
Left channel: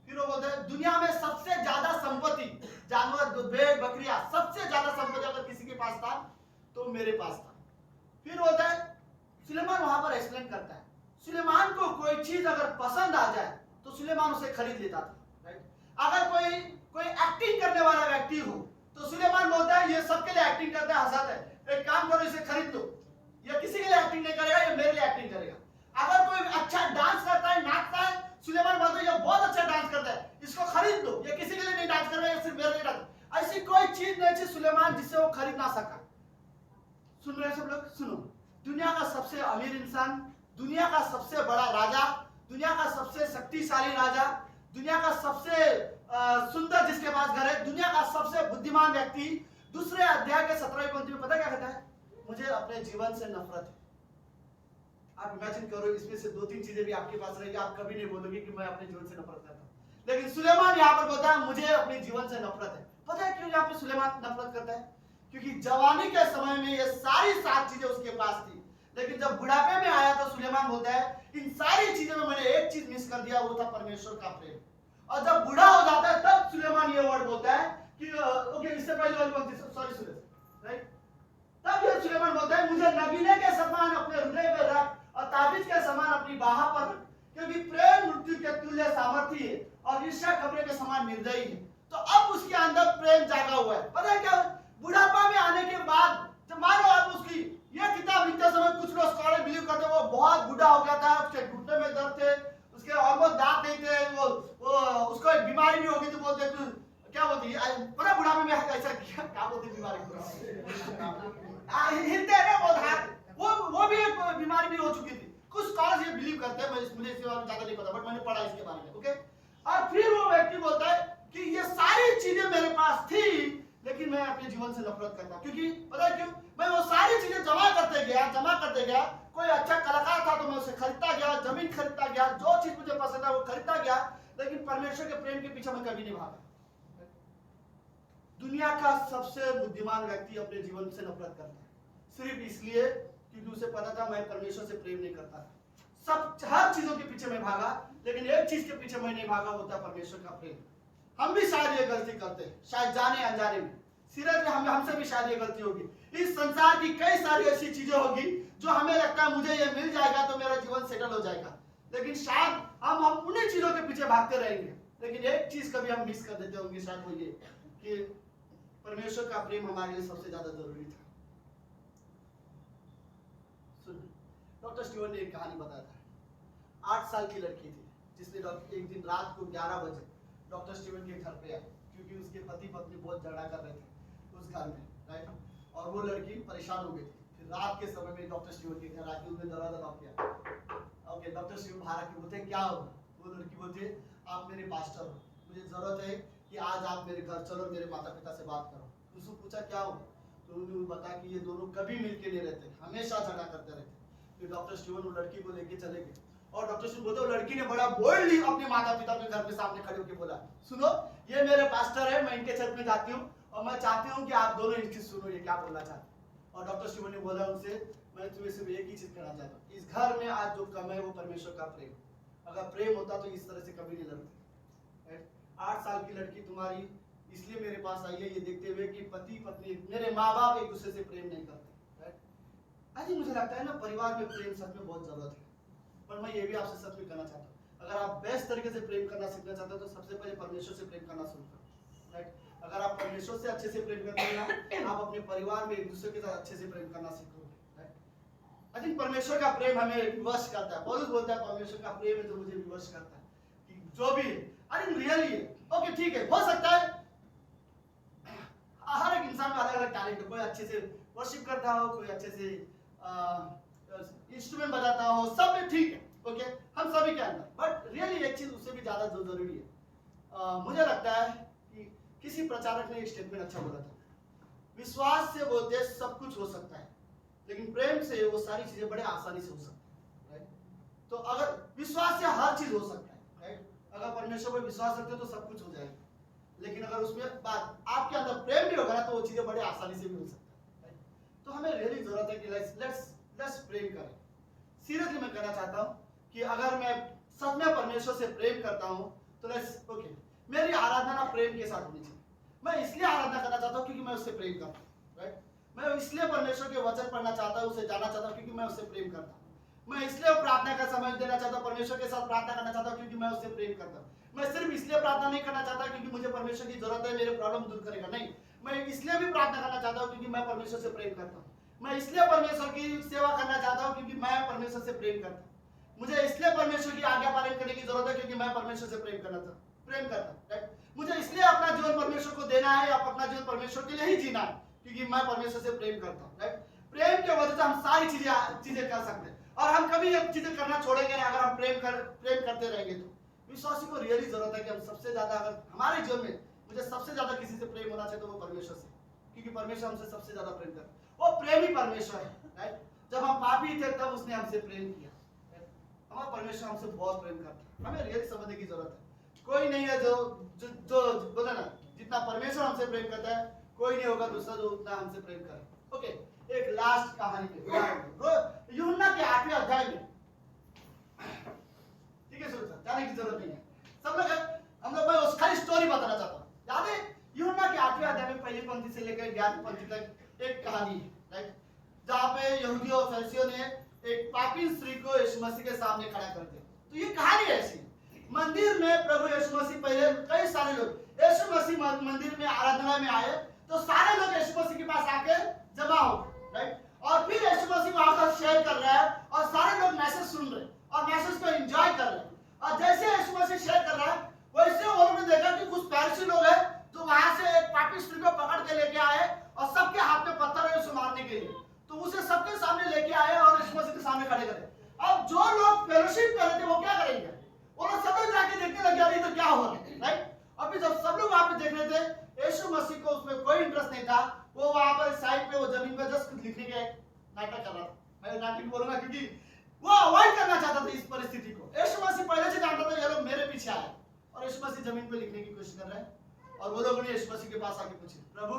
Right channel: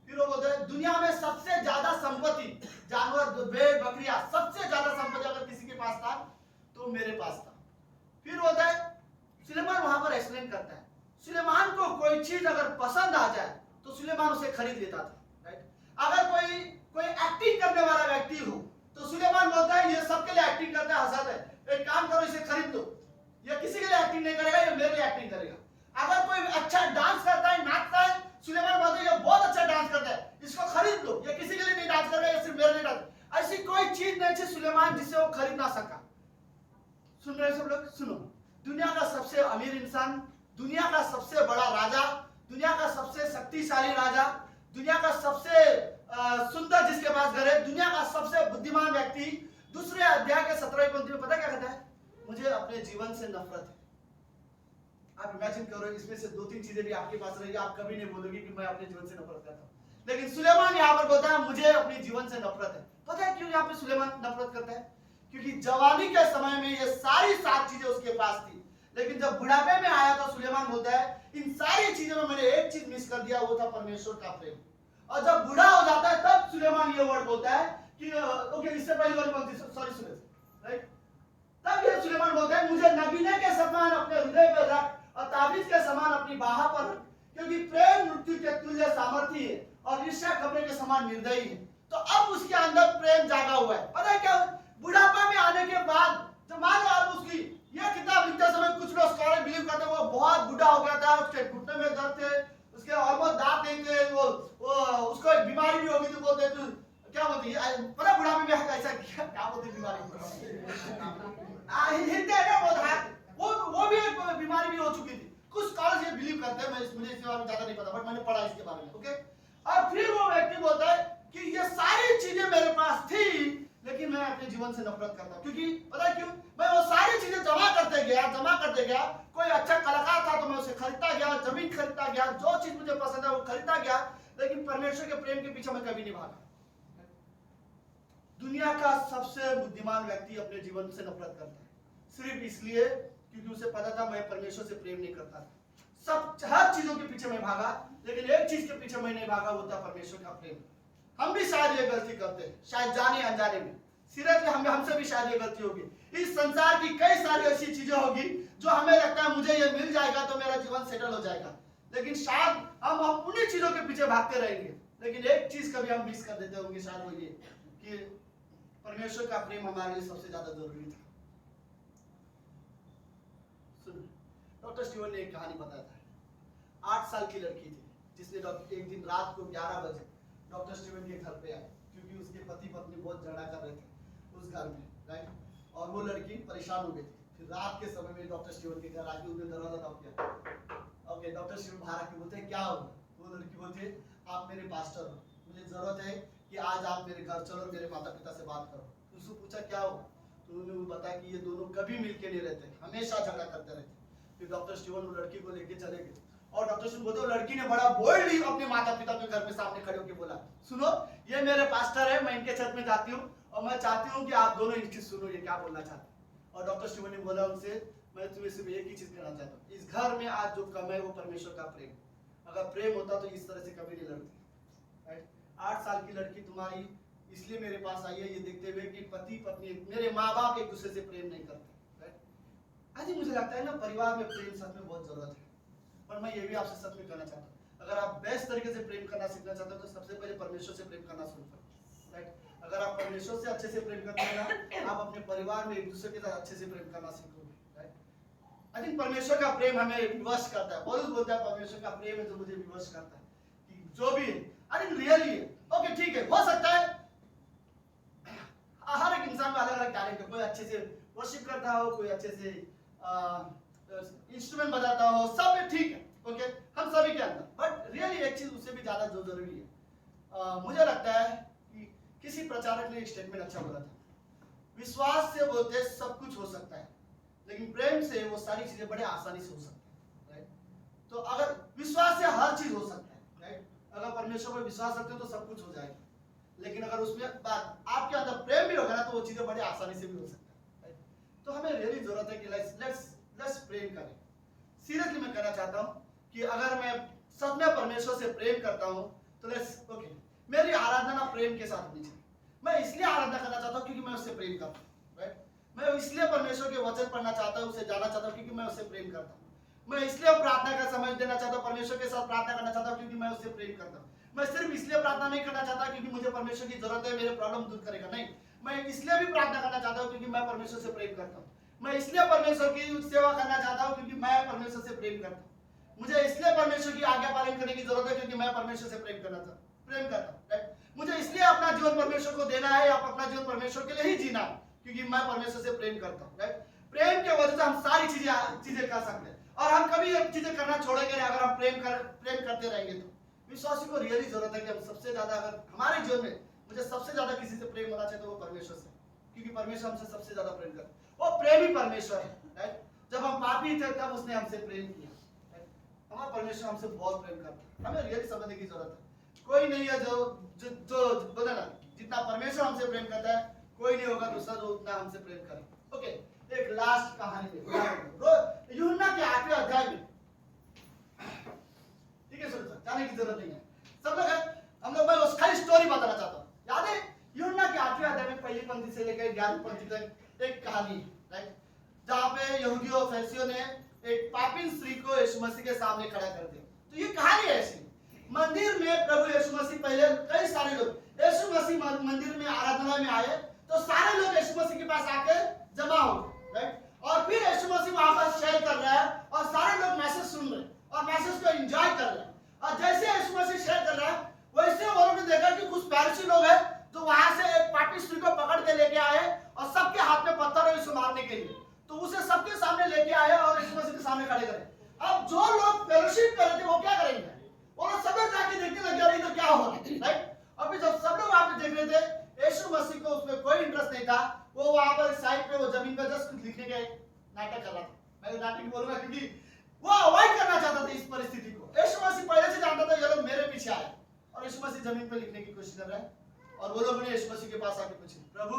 फिर वो बोलता है दुनिया में सबसे ज्यादा संपत्ति, जानवर, भेड़, बकरियां, सबसे ज्यादा संपत्ति अगर किसी के पास था तो मेरे पास था। फिर होता है सुलेमान वहां पर एक्सप्लेन करता है, सुलेमान को कोई चीज अगर पसंद आ जाए तो सुलेमान उसे खरीद लेता था, राइट? अगर कोई एक्टिंग करने वाला व्यक्ति हो तो सुलेमान बोलता है ये सबके लिए एक्टिंग करता है, हंसता है, एक काम करो इसे खरीद लो, ये किसी के लिए एक्टिंग नहीं करेगा, ये मेरे लिए एक्टिंग करेगा। अगर कोई अच्छा डांस करता है, नाचता है, सुलेमान बोलता है ये बहुत अच्छा डांस करता है, इसको खरीद लो, ये किसी के लिए नहीं डांस कर रहा है, ये सिर्फ मेरे लिए डांस। ऐसी कोई चीज नहीं थी सुलेमान जिसे वो खरीद ना सका। सुन रहे सब लोग? सुनो, दुनिया का सबसे अमीर इंसान, दुनिया का सबसे बड़ा राजा, दुनिया का सबसे शक्तिशाली राजा, दुनिया का सबसे सुंदर जिसके पास घर है, दुनिया का सबसे बुद्धिमान व्यक्ति दूसरे अध्याय के 17वें पंक्ति में पता क्या कहता है? मुझे अपने जीवन से नफरत है। आप इमेजिन करो इसमें से 2-3 चीजें भी आपके पास रहेगी, आप कभी नहीं बोलोगे कि मैं अपने जीवन से नफरत करता हूं। लेकिन सुलेमान यहाँ पर बोलता है मुझे अपने जीवन से नफरत है। पता है क्यों यहाँ पे सुलेमान नफरत करता है? क्योंकि जवानी के समय में ये सारी 7 चीजें उसके पास थी, लेकिन जब बुढ़ापे में आया तो सुलेमान बोलता है इन सारी चीजों में मैंने एक चीज मिस कर दिया, वो था परमेश्वर का प्रेम। और जब बूढ़ा हो जाता है तब सुलेमान ये वर्ड बोलता है कि ओके, इससे पहले वाली पंक्ति, सॉरी सुरेश, राइट? तब ये सुलेमान बोलता है मुझे नगीने के समान अपने हृदय पर रख और ताबीज के समान अपनी बाह पर रख, क्योंकि प्रेम मृत्यु के तुल्य सामर्थी है और ईर्ष्या खबरें के समान निर्दयी है। तो अब उसके अंदर प्रेम जागा हुआ है। पता है क्या? बुढ़ापा में आने के बाद जब मानो आप उसकी ये किताब लिखते समय कुछ लोग स्कॉलर बिलीव करते हैं वो बहुत बूढ़ा हो गया था, उसके घुटने में दर्द थे, उसके ऑलमोस्ट दांत नहीं थे, वो उसको एक बीमारी भी हो गई थी, बोलते थे क्या बोलते हैं पूरा बुढ़ापे में ऐसा किया, क्या बोलते बीमारी को हिलते हैं बहुत है, वो भी एक बीमारी भी हो चुकी थी। कुछ स्कॉलर्स ये बिलीव करते हैं, मुझे इसके बारे में ज्यादा नहीं पता, बट मैंने पढ़ा इसके बारे में। ओके, और फिर वो व्यक्ति बोलता है कि ये सारी चीजें मेरे पास थी, लेकिन मैं अपने जीवन से नफरत करता हूँ। क्योंकि पता है क्यों? मैं वो सारी चीजें जमा करते गया। कोई अच्छा कलाकार था तो मैं उसे खरीदता गया, जमीन खरीदता गया, जो चीज मुझे पसंद है वो खरीदता गया, लेकिन परमेश्वर के प्रेम के पीछे मैं कभी नहीं भागा। दुनिया का सबसे बुद्धिमान व्यक्ति अपने जीवन से नफरत करता है, सिर्फ इसलिए क्योंकि उसे पता था मैं परमेश्वर से प्रेम नहीं करता। हर चीजों के पीछे मैं भागा, लेकिन एक चीज के पीछे मैं नहीं भागा, वो था परमेश्वर का प्रेम। हम भी शायद ये गलती करते हैं, शायद जाने अनजाने में। सीरियसली हमसे भी शायद ये गलती होगी। इस संसार की कई सारी ऐसी चीजें होगी जो हमें लगता है मुझे ये मिल जाएगा तो मेरा जीवन सेटल हो जाएगा, लेकिन शायद हम उन्हीं चीजों के पीछे भागते रहेंगे। लेकिन एक चीज कभी हम मिस कर देते होंगे, शायद वो ये कि परमेश्वर का प्रेम हमारे लिए सबसे ज्यादा जरूरी था। डॉक्टर स्टीवन ने एक कहानी बताया था। 8 साल की लड़की थी जिसने एक दिन रात को 11 बजे डॉक्टर स्टीवन के घर पे आई, क्योंकि उसके पति पत्नी बहुत झगड़ा कर रहे थे उस घर में, राइट। और वो लड़की परेशान हो गई थी। फिर रात के समय में डॉक्टर स्टीवन के घर आके उसने दरवाजा नॉक किया। ओके, डॉक्टर स्टीवन बाहर आके बोलते क्या हुआ? वो लड़की बोलती आप मेरे पास्टर हो, मुझे जरूरत है कि आज आप मेरे घर चलो, मेरे माता पिता से बात करो। उसने पूछा क्या हुआ? तो उन्होंने बताया कि ये दोनों कभी मिलके नहीं रहते, हमेशा झगड़ा करते रहते। फिर डॉक्टर स्टीवन वो लड़की को लेके चले गए, और डॉक्टर स्टीवन बोलते लड़की ने बड़ा बोल्डली अपने माता पिता के घर पे सामने खड़े होकर बोला, सुनो ये मेरे पास्टर है, मैं इनके छत में जाती हूँ और मैं चाहती हूँ कि आप दोनों इनकी सुनो, ये क्या बोलना चाहते। और डॉक्टर स्टीवन ने बोला उनसे, मैं तुम्हें सिर्फ एक ही चीज कहना चाहता हूँ, इस घर में आज जो कम है वो परमेश्वर का प्रेम। अगर प्रेम होता तो इस तरह से कभी नहीं लड़ते, राइट। 8 साल की लड़की तुम्हारी इसलिए मेरे पास आई है ये देखते हुए कि पति पत्नी मेरे माँ बाप एक दूसरे से प्रेम नहीं करते, राइट। आज मुझे लगता है ना परिवार में प्रेम सच में बहुत जरूरत है। पर मैं ये भी आपसे सच में कहना चाहता हूँ, अगर आप बेस्ट तरीके से प्रेम करना सीखना चाहते हो तो सबसे पहले परमेश्वर से प्रेम करना शुरू करो, राइट। अगर आप परमेश्वर से अच्छे से प्रेम करते हैं ना, आप अपने परिवार में एक दूसरे के साथ अच्छे से प्रेम करना सीखोगे, राइट। आई थिंक परमेश्वर का प्रेम हमें विवश करता है। पौलुस बोलता है परमेश्वर का प्रेम है जो मुझे विवश करता है, कि जो भी आई थिंक रियली है। ओके ठीक है, हो सकता है हर एक इंसान में अलग अलग टैलेंट है, कोई अच्छे से वर्शिप करता हो, कोई अच्छे से इंस्ट्रूमेंट बजाता हो, सब ठीक है, ओके हम सभी के अंदर। बट रियली एक चीज उससे भी ज्यादा जो जरूरी है, मुझे लगता है कि किसी प्रचारक ने एक स्टेटमेंट अच्छा बोला था, विश्वास से बोलते सब कुछ हो सकता है, लेकिन प्रेम से वो सारी चीजें बड़े आसानी से हो सकती है, राइट। तो अगर विश्वास से हर चीज हो सकता है, राइट। अगर परमेश्वर पर विश्वास रखते हो तो सब कुछ हो जाएगा, लेकिन अगर उसमें बात आपके अंदर प्रेम भी होगा ना तो वो चीजें बड़े आसानी से भी हो सकता है, राइट। तो हमें रियली जरूरत है कि लेट्स प्रेम करें। सीरियसली मैं कहना चाहता हूँ कि अगर मैं सच में परमेश्वर से प्रेम करता हूँ तो लेट्स ओके, मेरी आराधना प्रेम के साथ होनी चाहिए। मैं इसलिए आराधना करना चाहता हूँ क्योंकि मैं उससे प्रेम करता हूँ, राइट। मैं इसलिए परमेश्वर के वचन पढ़ना चाहता हूँ, उसे जाना चाहता हूँ क्योंकि मैं उससे प्रेम करता हूँ। मैं इसलिए प्रार्थना का समय देना चाहता हूँ, परमेश्वर के साथ प्रार्थना करना चाहता हूँ क्योंकि मैं उससे प्रेम करता हूँ। मैं सिर्फ इसलिए प्रार्थना नहीं करना चाहता क्योंकि मुझे परमेश्वर की जरूरत है, मेरे प्रॉब्लम दूर करेगा, नहीं। मैं इसलिए भी प्रार्थना करना चाहता हूँ क्योंकि मैं परमेश्वर से प्रेम करता हूँ। मैं इसलिए परमेश्वर की सेवा करना चाहता हूँ क्योंकि मैं परमेश्वर से प्रेम करता हूँ। मुझे इसलिए परमेश्वर की आज्ञा पालन करने की जरूरत है क्योंकि मैं परमेश्वर से प्रेम करता हूँ, राइट। मुझे इसलिए अपना जीवन परमेश्वर को देना है, आप अपना जीवन परमेश्वर के लिए ही जीना है क्योंकि मैं परमेश्वर से प्रेम करता हूँ, राइट। प्रेम के वजह से हम सारी चीजें कर सकते हैं, और हम कभी ये चीजें करना छोड़ेंगे नहीं अगर हम प्रेम करते रहेंगे। तो विश्वासी को रियली जरूरत है कि हम सबसे ज्यादा, अगर हमारे जीवन में मुझे सबसे ज्यादा किसी से प्रेम होना चाहिए तो वो परमेश्वर से, क्योंकि परमेश्वर हमसे सबसे ज्यादा प्रेम करता है। वो प्रेम ही परमेश्वर है, राइट। जब हम पापी थे तब उसने हमसे प्रेम किया, राइट। हमारा परमेश्वर हमसे बहुत प्रेम करता है, हमें रियली समझने की जरूरत है। कोई नहीं है जो बोला ना, जितना परमेश्वर हमसे प्रेम करता है कोई नहीं होगा दूसरा जो उतना हमसे प्रेम करे। ओके, एक लास्ट कहानी पे यूहन्ना के 8वें अध्याय में, ठीक है सर, जाने की जरूरत नहीं है, सब लोग हम लोग मैं उस खाली स्टोरी बताना चाहता हूँ। याद है यूहन्ना के 8वें अध्याय में पहली पंक्ति से लेकर 11वीं पंक्ति तक एक कहानी है, राइट, जहाँ पे यहूदियों और फरीसियों ने एक पापी स्त्री को यीशु मसीह के सामने खड़ा कर दिया। तो ये कहानी ऐसी, मंदिर में प्रभु यीशु मसीह, पहले कई सारे लोग यीशु मसीह मंदिर में आराधना में आए तो सारे लोग यीशु मसीह के पास आके जमा हो गए, राइट। और फिर यीशु मसीह वहां पर शेयर कर रहा है और सारे लोग मैसेज सुन रहे हैं और मैसेज को एंजॉय कर रहे हैं। और जैसे यीशु मसीह शेयर कर रहा है वैसे उन्होंने देखा कि कुछ फरीसी लोग हैं जो वहां स्त्री को पकड़ के लेके आए और सबके हाथ में पत्थर है उसे मारने के लिए, तो उसे सबके सामने लेके आए और यीशु मसीह के सामने खड़े करे। अब जो लोग फेलोशिप कर रहे थे वो क्या करेंगे, वो लोग सब जाके देखने लग गया तो क्या हो रहा है, राइट। अभी जब सब लोग वहां पे देख रहे थे, यीशु मसीह को उसमें कोई इंटरेस्ट नहीं था, वो वहां पर साइड पे वो जमीन पे जस्ट कुछ लिखने के नाटक कर रहा था। मैं नाटक बोलूंगा क्योंकि वो अवॉइड करना चाहता था इस परिस्थिति को। यीशु मसीह पहले से जानता था ये लोग मेरे पीछे आए और यीशु मसीह जमीन पे लिखने की कोशिश कर रहे हैं। और वो लोगों ने यीशु मसीह के पास आके पूछा, प्रभु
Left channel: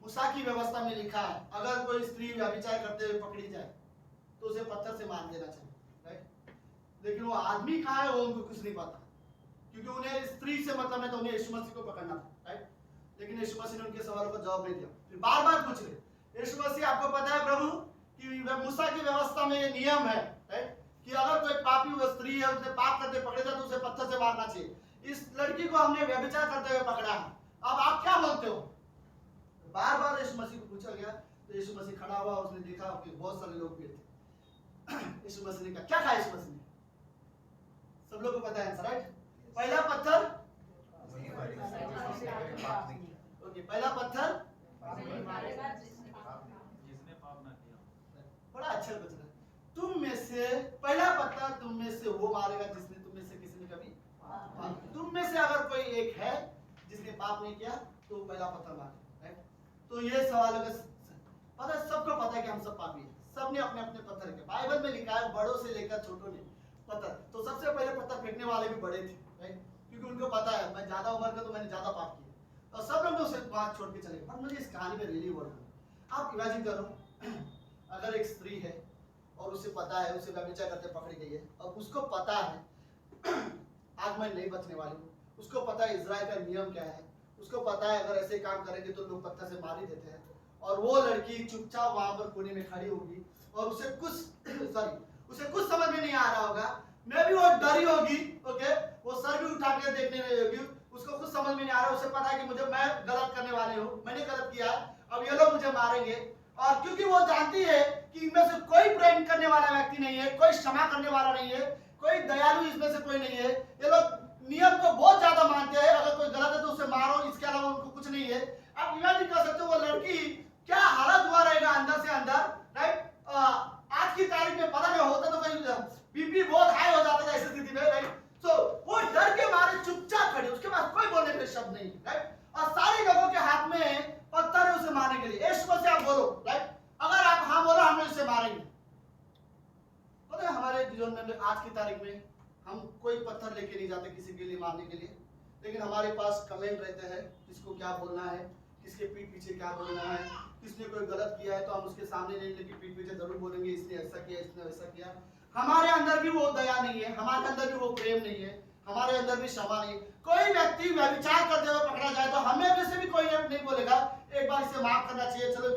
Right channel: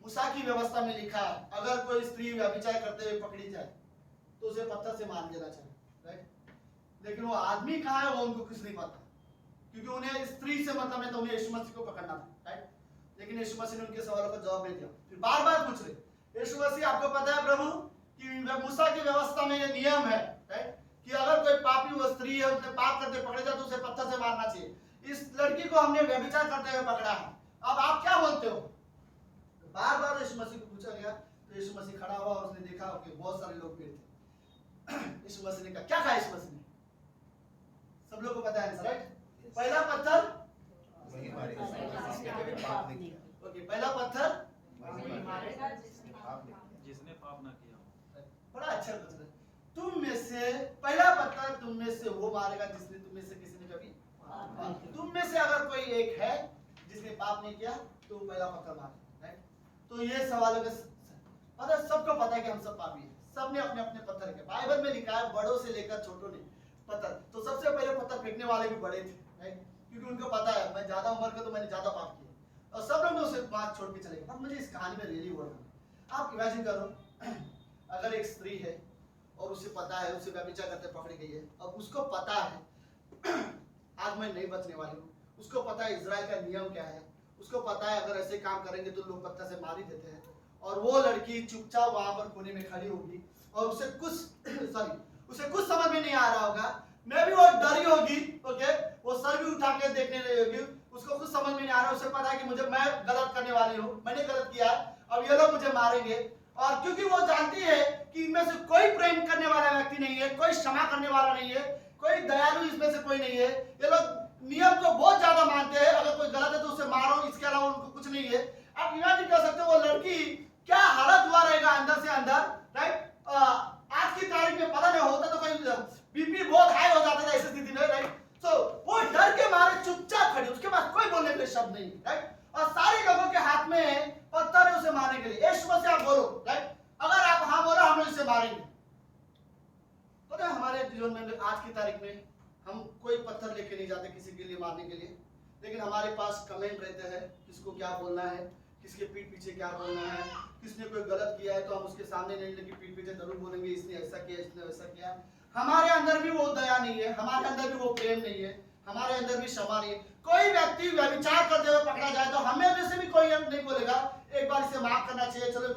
मूसा की व्यवस्था में लिखा है अगर कोई स्त्री व्यभिचार करते हुए पकड़ी जाए तो उसे पत्थर से मार देना चाहिए, राइट। लेकिन वो आदमी कहाँ है वो उनको कुछ नहीं पता, क्योंकि उन्हें स्त्री से मतलब नहीं था, उन्हें यीशु मसीह को पकड़ना था, राइट। लेकिन यीशु मसीह ने उनके सवालों का जवाब नहीं दिया, फिर बार बार पूछ रहे, यीशु मसीह आपको पता है प्रभु कि मूसा की व्यवस्था में ये नियम है, राइट, कि अगर कोई पापी व स्त्री है उसने पाप करते पकड़े जाए तो उसे पत्थर से मारना चाहिए। इस लड़की को हमने व्यभिचार करते हुए पकड़ा है, अब आप क्या बोलते हो। बार बार यीशु मसीह को पूछा गया तो यीशु मसीह खड़ा हुआ, उसने देखा कि बहुत सारे लोग भीड़ थे। यीशु मसीह ने कहा, क्या कहा यीशु मसीह ने, सब लोग को पता है आंसर, राइट। पहला पत्थर, ओके, पहला पत्थर जिसने पाप ना किया। बड़ा अच्छा क्वेश्चन है। तुम में से पहला पत्थर तुम में से वो मारेगा जिसने तुम में से किसी ने कभी, तुम में से अगर कोई एक है जिसने पाप नहीं किया तो वो पहला पत्थर मारे, राइट। तो ये सवाल का पता, सबको पता है कि हम सब पापी हैं, सबने अपने अपने पत्थर के, बाइबल में लिखा है बड़ों से लेकर छोटों ने पत्थर, तो सबसे पहले पत्थर फेंकने वाले भी बड़े थे, राइट, क्योंकि उनको पता है मैं ज्यादा उम्र का तो मैंने ज्यादा पाप किया, और सब लोग ने उसे बात छोड़ के चले गए। पर मुझे इस कहानी में रियली बोलना है, आप इमेजिन करो अगर एक स्त्री है और उसे पता है उसे व्यभिचार करते पकड़ी गई है, और उसको पता है आज मैं नहीं बचने वाली हूँ, उसको पता है इजराइल का नियम क्या है, उसको पता है अगर ऐसे काम करेंगे तो लोग पत्थर से मार ही देते हैं, और वो लड़की चुपचाप वहां पर कोने में खड़ी होगी और उसे कुछ समझ में नहीं आ रहा होगा, मैं भी वो डरी होगी, ओके, वो सर भी उठा के देखने लगी होगी, उसको कुछ समझ में नहीं आ रहा, उसे पता है कि मैं गलत करने वाली हूँ, मैंने गलत किया है, अब ये लोग मुझे मारेंगे, और क्योंकि वो जानती है कि इनमें से कोई प्रेम करने वाला व्यक्ति नहीं है, कोई क्षमा करने वाला नहीं है, कोई दयालु इसमें से कोई नहीं है, ये लोग नियम को बहुत ज्यादा मानते हैं, अगर कोई गलत है तो उसे मारो, इसके अलावा उनको कुछ नहीं है। आप इमेजिन कर सकते हो वो लड़की क्या हालत हुआ रहेगा अंदर से अंदर, राइट। आज की तारीख में पता नहीं होता तो कोई बीपी बहुत हाई हो जाता था ऐसी स्थिति में, राइट। तो वो डर के मारे चुपचाप खड़ी, उसके पास कोई बोलने के लिए शब्द नहीं, राइट, और सारे लोगों के हाथ में पत्थर है उसे मारने के लिए। यीशु मसीह आप बोलो, राइट, अगर आप हाँ बोलो हम उसे मारेंगे। पता है हमारे जीवन में आज की तारीख में हम कोई पत्थर लेके नहीं जाते किसी के लिए मारने के लिए, लेकिन हमारे पास कमेंट रहते हैं किसको क्या बोलना है, किसके पीठ पीछे क्या बोलना है, किसने कोई गलत किया है तो हम उसके सामने नहीं लेकिन पीठ पीछे जरूर बोलेंगे इसने ऐसा किया इसने वैसा किया। हमारे अंदर भी वो दया नहीं है, हमारे अंदर भी वो प्रेम नहीं है, हमारे अंदर भी क्षमा नहीं है। कोई व्यक्ति व्यभिचार करते हुए पकड़ा जाए तो हमें में से भी कोई नहीं बोलेगा एक बार इसे माफ करना चाहिए, चलो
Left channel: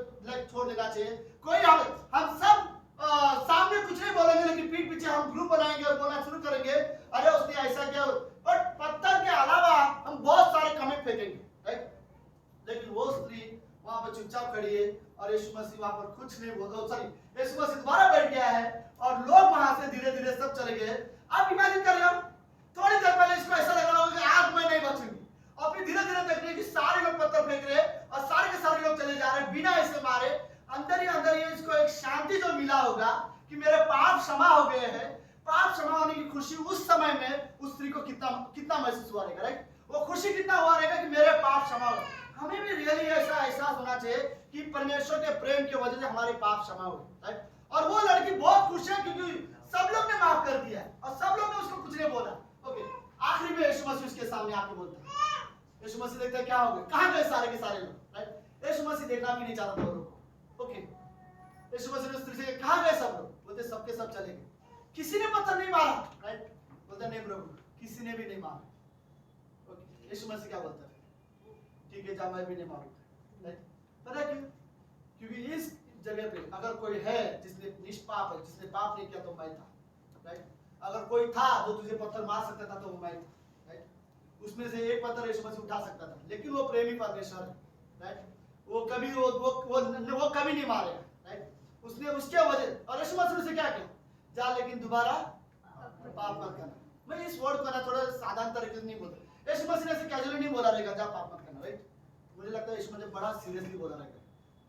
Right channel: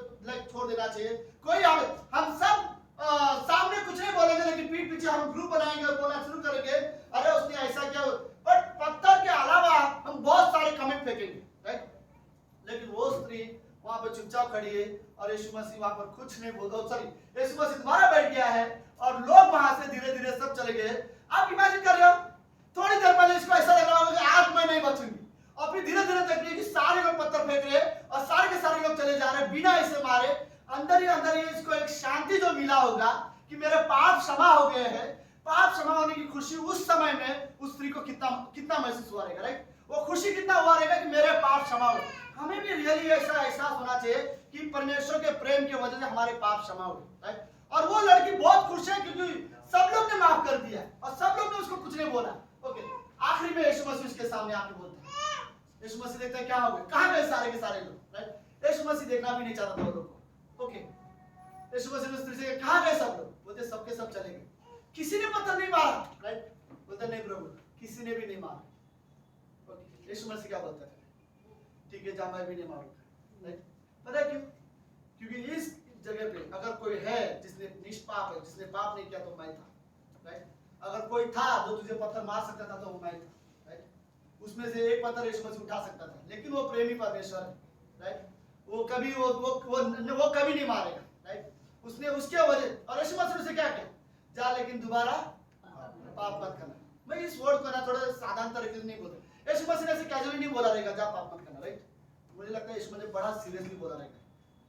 छोड़ देना चाहिए, कोई हम सब सामने कुछ नहीं बोलेंगे, लेकिन पीठ पीछे हम ग्रुप बनाएंगे और बोलना शुरू करेंगे अरे उसने ऐसा किया, बट पत्थर के अलावा हम बहुत सारे कमेंट फेंकेंगे, राइट। लेकिन वो स्त्री वहां पर चुपचाप खड़ी है और यीशु मसीह वहां पर कुछ नहीं बोलता, सॉरी यीशु मसीह दोबारा बैठ गया है और लोग वहां से धीरे धीरे सब चले गए। आप इमेजिन कर रहे हो थोड़ी देर पहले इसको ऐसा लग रहा होगा कि आज मैं नहीं बचूंगी, और फिर धीरे धीरे देख रही कि सारे लोग पत्थर फेंक रहे और सारे के सारे लोग चले जा रहे बिना इसे मारे। अंदर ही अंदर ये इसको एक शांति जो मिला होगा कि मेरे पाप क्षमा हो गए हैं, पाप क्षमा होने की खुशी उस समय में उस स्त्री को कितना महसूस हुआ रहेगा, राइट। वो खुशी कितना हुआ रहेगा कि मेरे पाप क्षमा हो। हमें भी रियली ऐसा एहसास होना चाहिए कि परमेश्वर के प्रेम की वजह से हमारे पाप क्षमा हुए, राइट। और वो लड़की बहुत खुश है क्योंकि सब लोग ने माफ कर दिया और सब लोग ने उसको कुछ नहीं बोला, ओके। आखिरी में यीशु मसीह उसके सामने आके बोलते हैं, यीशु मसीह देखता है क्या हो गया, कहां गए सारे के सारे लोग, राइट। यीशु मसीह देखना भी नहीं चाहता था लोगों को, ओके। यीशु मसीह ने उस स्त्री से कहां गए सब लोग, बोलते सबके सब चले गए, किसी ने पत्थर नहीं मारा, राइट। बोलते नहीं प्रभु किसी ने भी नहीं मारा, ओके। यीशु मसीह क्या बोलता है, ठीक है जा मैं भी नहीं मारूंगा, राइट। पता है क्यों, क्योंकि इस जगह पे अगर कोई है जिसने निष्पाप है, जिसने पाप नहीं किया तो मैं था, राइट। अगर कोई था जो तुझे पत्थर मार सकता था तो वो मैं था, राइट। उसमें से एक पत्थर यीशु मसीह उठा सकता था, लेकिन वो प्रेमी परमेश्वर है, राइट। वो कभी वो कभी नहीं मारेगा, राइट। उसने उसके वजह और यीशु मसीह ने क्या किया, जा लेकिन दोबारा पाप मत करना। मैं इस वर्ड को ना थोड़ा साधारण तरीके से नहीं बोलता, यीशु मसीह ने ऐसे कैजुअली नहीं बोला रहेगा जा पाप मत करना, राइट। मुझे लगता है यीशु मसीह बड़ा सीरियसली बोला रहेगा,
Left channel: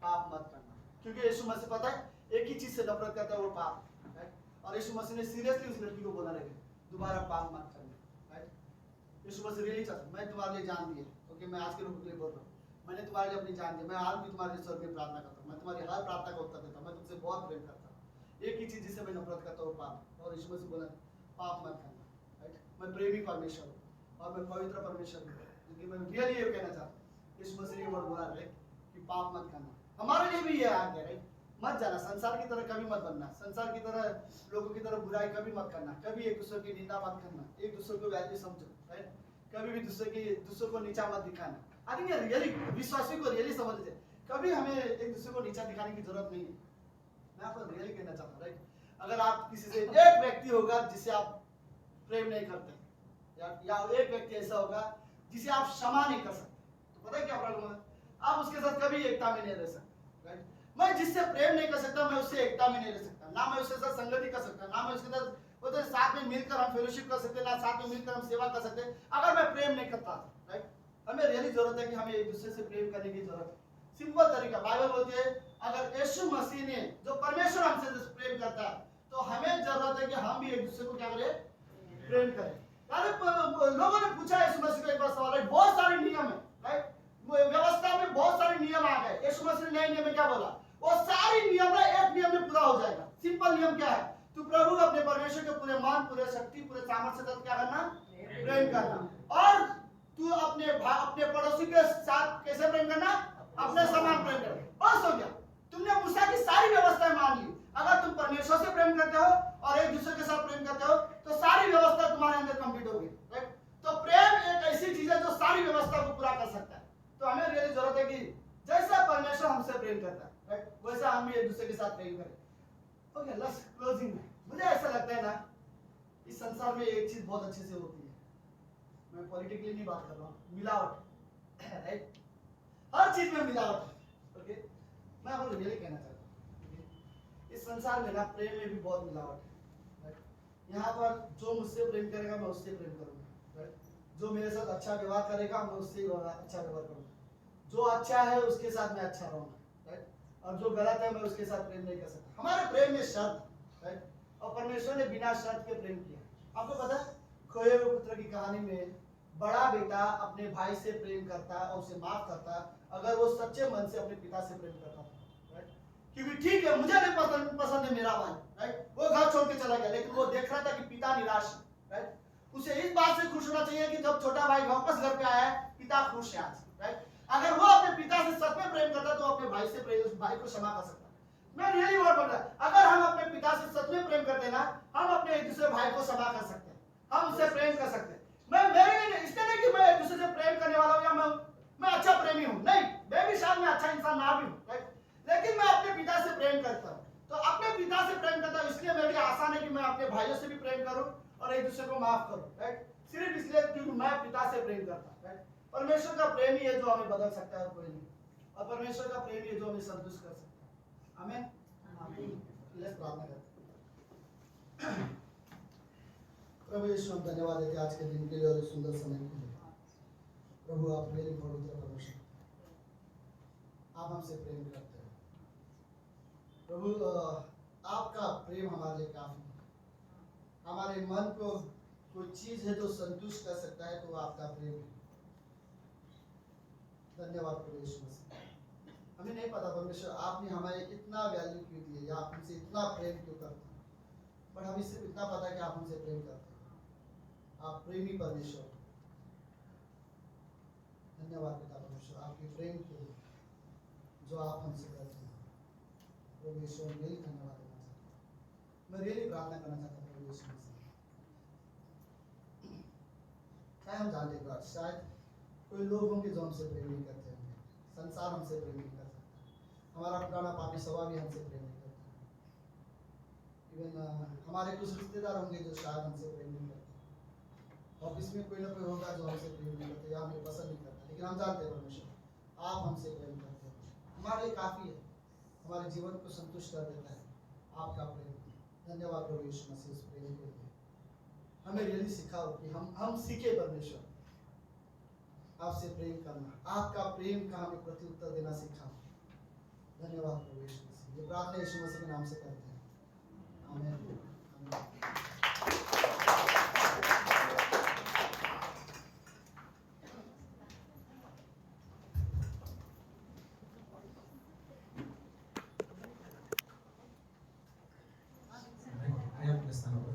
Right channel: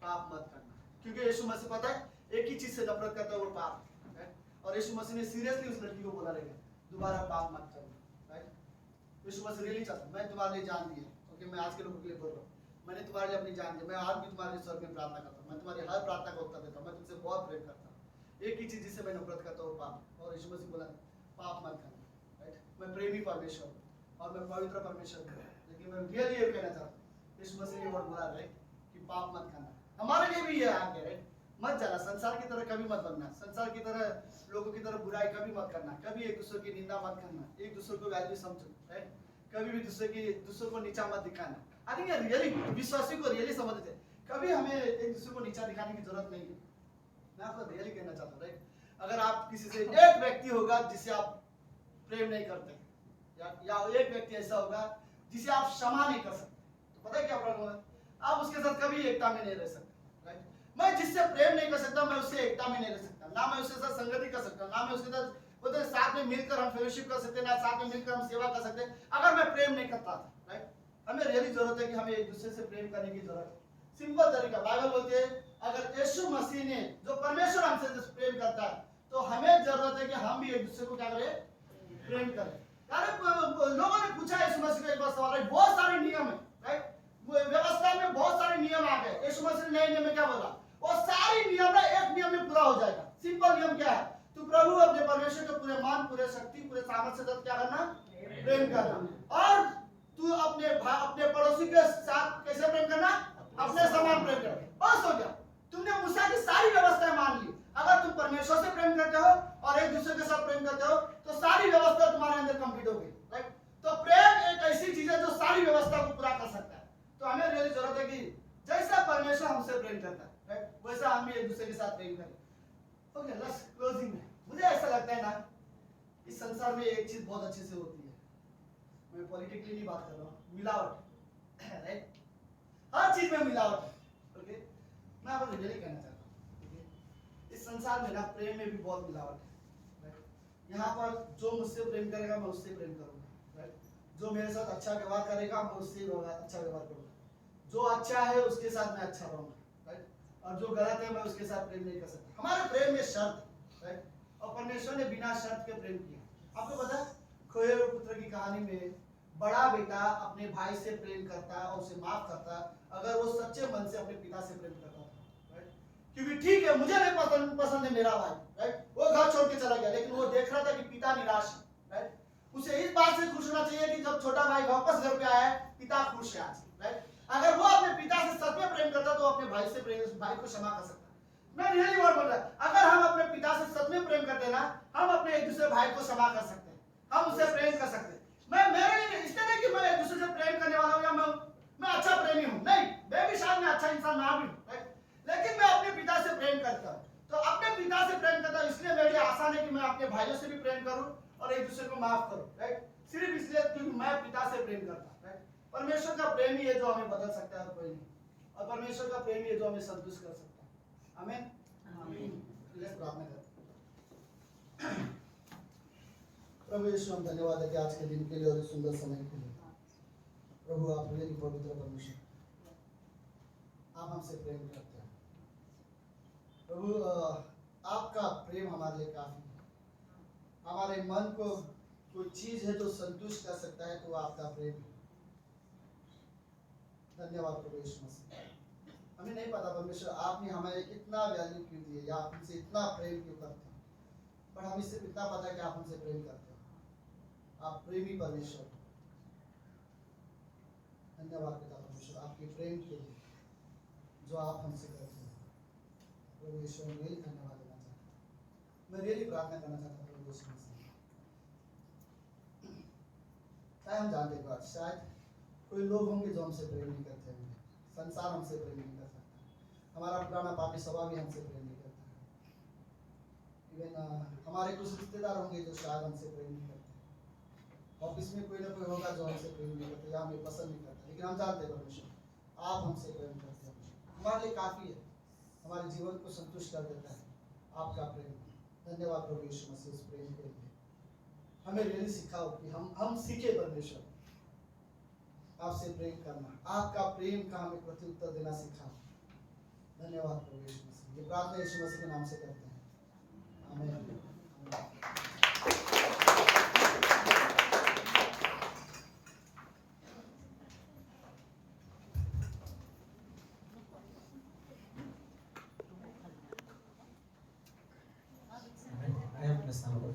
पाप मत करना, क्योंकि यीशु मसीह पता है एक ही चीज से नफरत करता है, वो पाप, राइट। और यीशु मसीह ने सीरियसली उस लड़की को बोला रहेगा दोबारा पाप मत करना, राइट। यीशु मसीह रियली चाहता, मैं तुम्हारे लिए जान दी है, ओके, मैं आज के लोगों के लिए बोल रहा हूँ, मैंने तुम्हारे लिए अपनी जान दी, मैं आज भी तुम्हारे लिए स्वर्ग में प्रार्थना करता हूँ, मैं तुम्हारी हर प्रार्थना का उत्तर देता हूँ, मैं तुमसे बहुत प्रेम करता हूँ, एक ही चीज जिससे मैं नफरत करता हूँ पाप, और यीशु मसीह बोला पाप मत करना, राइट। मैं प्रेमी परमेश्वर हूँ और मैं पवित्र परमेश्वर हूँ, लेकिन मैं रियली ये कहना चाहता हूँ, यीशु मसीह ने वर्ड बोला है कि पाप मत करना, हमारे लिए भी ये आ गया, राइट। मत जाना, संसार की तरह कभी मत बनना, संसार की तरह लोगों की तरह बुराई कभी मत करना, कभी एक दूसरे की निंदा मत करना, एक दूसरे को वैल्यू समझो, राइट। कभी भी दूसरे को नीचा मत दिखाना। आई थिंक रियली विश्वासी को रियली समझते हैं, कभी हमें एक दूसरे को नीचा दिखाने की जरूरत नहीं है। मैं आपको रियली कहना चाहता हूँ, राइट। अगर आप किसी से, एक व्यक्ति होगा जिसे आप प्रेम नहीं करते, या एक व्यक्ति ऐसा होगा जिसे आप क्षमा नहीं कर सकते, तो पता है क्या प्रॉब्लम है, आप उसके साथ कभी एकता में नहीं रह सकते, राइट। मैं जिससे प्रेम नहीं कर सकता, मैं उससे एकता में नहीं रह सकता, ना मैं उसके साथ संगति कर सकता, ना मैं उसके साथ बोलते साथ में मिलकर हम फेलोशिप कर सकते, ना साथ में मिलकर हम सेवा कर सकते, अगर मैं प्रेम नहीं करता, राइट। हमें रियली जरूरत है कि हमें एक दूसरे से प्रेम करने की जरूरत है। सिंपल तरीका, बाइबल बोलती है अगर यीशु मसीह ने, जो परमेश्वर हमसे प्रेम करता है, तो हमें जरूरत है कि हम भी एक दूसरे को क्या करें, प्रेम करें। लोगों ने पूछा यीशु मसीह को एक बार सवाल, राइट। बहुत सारे नियम है, राइट, व्यवस्था में बहुत सारे नियम आ गए, यीशु मसीह ने नए नियम में क्या बोला, वो सारी नियम ना एक नियम में पूरा हो जाएगा। सिंपल नियम क्या है, तू प्रभु अपने परमेश्वर के पूरे मन, पूरे शक्ति, पूरे सामर्थ्य से क्या करना, प्रेम करना, और तू अपने पड़ोसी के साथ कैसे प्रेम करना, अपने समान प्रेम करना, बस हो गया। तुमने मूसा की सारी व्यवस्थाएं मान ली। अगर तुम परमेश्वर से प्रेम करते हो और एक दूसरे के साथ प्रेम करते हो, तो सारी व्यवस्था तुम्हारे अंदर कंप्लीट हो गई, राइट। तो प्रेम एक ऐसी चीज है जो सारी व्यवस्था को पूरा कर सकता है। तो हमें रियली जरूरत है कि जैसा परमेश्वर हमसे प्रेम करता है, राइट, वैसा हम भी एक दूसरे के साथ प्रेम करें। ओके, लेट्स क्लोजिंग में मुझे ऐसा लगता है ना, इस संसार में एक चीज बहुत अच्छे से होती है, मैं पॉलिटिकली नहीं बात कर रहा हूँ, मिलावट, राइट। हर चीज में मिलावट है, ओके। मैं आपको रियली कहना चाहता हूँ, इस संसार में ना प्रेम में भी बहुत मिलावट है, राइट। यहाँ पर जो मुझसे प्रेम करेगा मैं उससे प्रेम करूंगा, राइट। जो मेरे साथ अच्छा व्यवहार करेगा मैं उससे अच्छा व्यवहार करूंगा, जो अच्छा है उसके साथ मैं अच्छा रहूंगा, राइट। और जो गलत है मैं उसके साथ प्रेम नहीं कर सकता। हमारे प्रेम में शर्त, राइट, और परमेश्वर ने बिना शर्त के प्रेम किया। आपको पता है खोए हुए पुत्र की कहानी में बड़ा बेटा अपने भाई से प्रेम करता और उसे माफ करता अगर वो सच्चे मन से अपने पिता से प्रेम करता था, राइट। क्योंकि ठीक है, मुझे नहीं पसंद है मेरा भाई, राइट, वो घर छोड़ के चला गया, लेकिन वो देख रहा था कि पिता निराश है, राइट। उसे इस बात से खुश होना चाहिए कि जब छोटा भाई वापस घर पे आया है, पिता खुश है आज, राइट। अगर वो अपने पिता से सच में प्रेम करता तो अपने भाई से भाई को क्षमा कर सकता। मैं रियली वर्ड बोल रहा हूं, अगर हम अपने पिता से सच में प्रेम करते हैं ना, हम अपने एक दूसरे भाई को क्षमा कर सकते हैं, हम उससे प्रेम कर सकते हैं। मैं मेरे लिए इसलिए नहीं कि मैं एक दूसरे से प्रेम करने वाला हूं या मैं अच्छा प्रेमी हूं, नहीं, मैं भी शायद मैं अच्छा इंसान ना भी हूं, राइट, लेकिन मैं अपने पिता से प्रेम करता हूं। तो अपने पिता से प्रेम करता हूं, इसलिए मेरे लिए आसान है कि मैं अपने भाइयों से भी प्रेम करूं और एक दूसरे को माफ करूं, राइट। सिर्फ इसलिए क्योंकि मैं पिता से प्रेम करता हूं, राइट। परमेश्वर का प्रेम ही है जो हमें बदल सकता है और कोई नहीं, और परमेश्वर का प्रेम ही है जो हमें संतुष्ट कर सकता है। आमीन। लेट्स प्रार्थना करते हैं। प्रभु यीशु, हम धन्यवाद देते हैं आज के दिन के लिए और इस सुंदर समय के लिए। प्रभु आप मेरी पवित्र परमेश्वर, आप हमसे प्रेम करते हैं प्रभु, आपका प्रेम हमारे लिए काफी है। हमारे मन को कोई चीज है जो संतुष्ट कर सकता है तो आपका प्रेम है। धन्यवाद प्रभु यीशु मसीह। हमें नहीं पता परमेश्वर आपने हमें इतना वैल्यू क्यों दी है या आप हमसे इतना प्रेम क्यों करते हैं, पर हमें सिर्फ इतना पता है कि आप हमसे प्रेम करते हैं। आप प्रेमी परमेश्वर। धन्यवाद पिता परमेश्वर आपके प्रेम के लिए जो आप हमसे करते हैं। प्रभु यीशु मैं रियली धन्यवाद देना चाहता हूँ, मैं रियली प्रार्थना करना चाहता हूँ प्रभु यीशु मसीह। हम जानते हैं गॉड, शायद कोई लोग होंगे जो हमसे प्रेम नहीं करते होंगे, संसार हमसे प्रेम नहीं कर सकता, हमारा पुराना पापी स्वभाव भी हमसे प्रेम नहीं करता, इवन हमारे कुछ रिश्तेदार होंगे जो शायद हमसे प्रेम नहीं करते, ऑफिस में कोई ना कोई होगा जो हमसे प्रेम नहीं करता या हमें पसंद नहीं करता, लेकिन हम जानते हैं परमेश्वर आप हमसे प्रेम करते हैं, हमारे लिए काफ़ी है, हमारे जीवन को संतुष्ट कर देता है आपका प्रेम। धन्यवाद प्रभु यीशु मसीह उस प्रेम के लिए। हमें रियली सिखाओ कि हम सीखे परमेश्वर, आपसे प्रेम करना, आपका प्रेम का हमें प्रत्युत्तर देना सीखा। धन्यवाद प्रभु यीशु मसीह। ये प्रार्थना यीशु मसीह के नाम से करते हैं, आमीन। आमीन। आए अपने स्थान पर।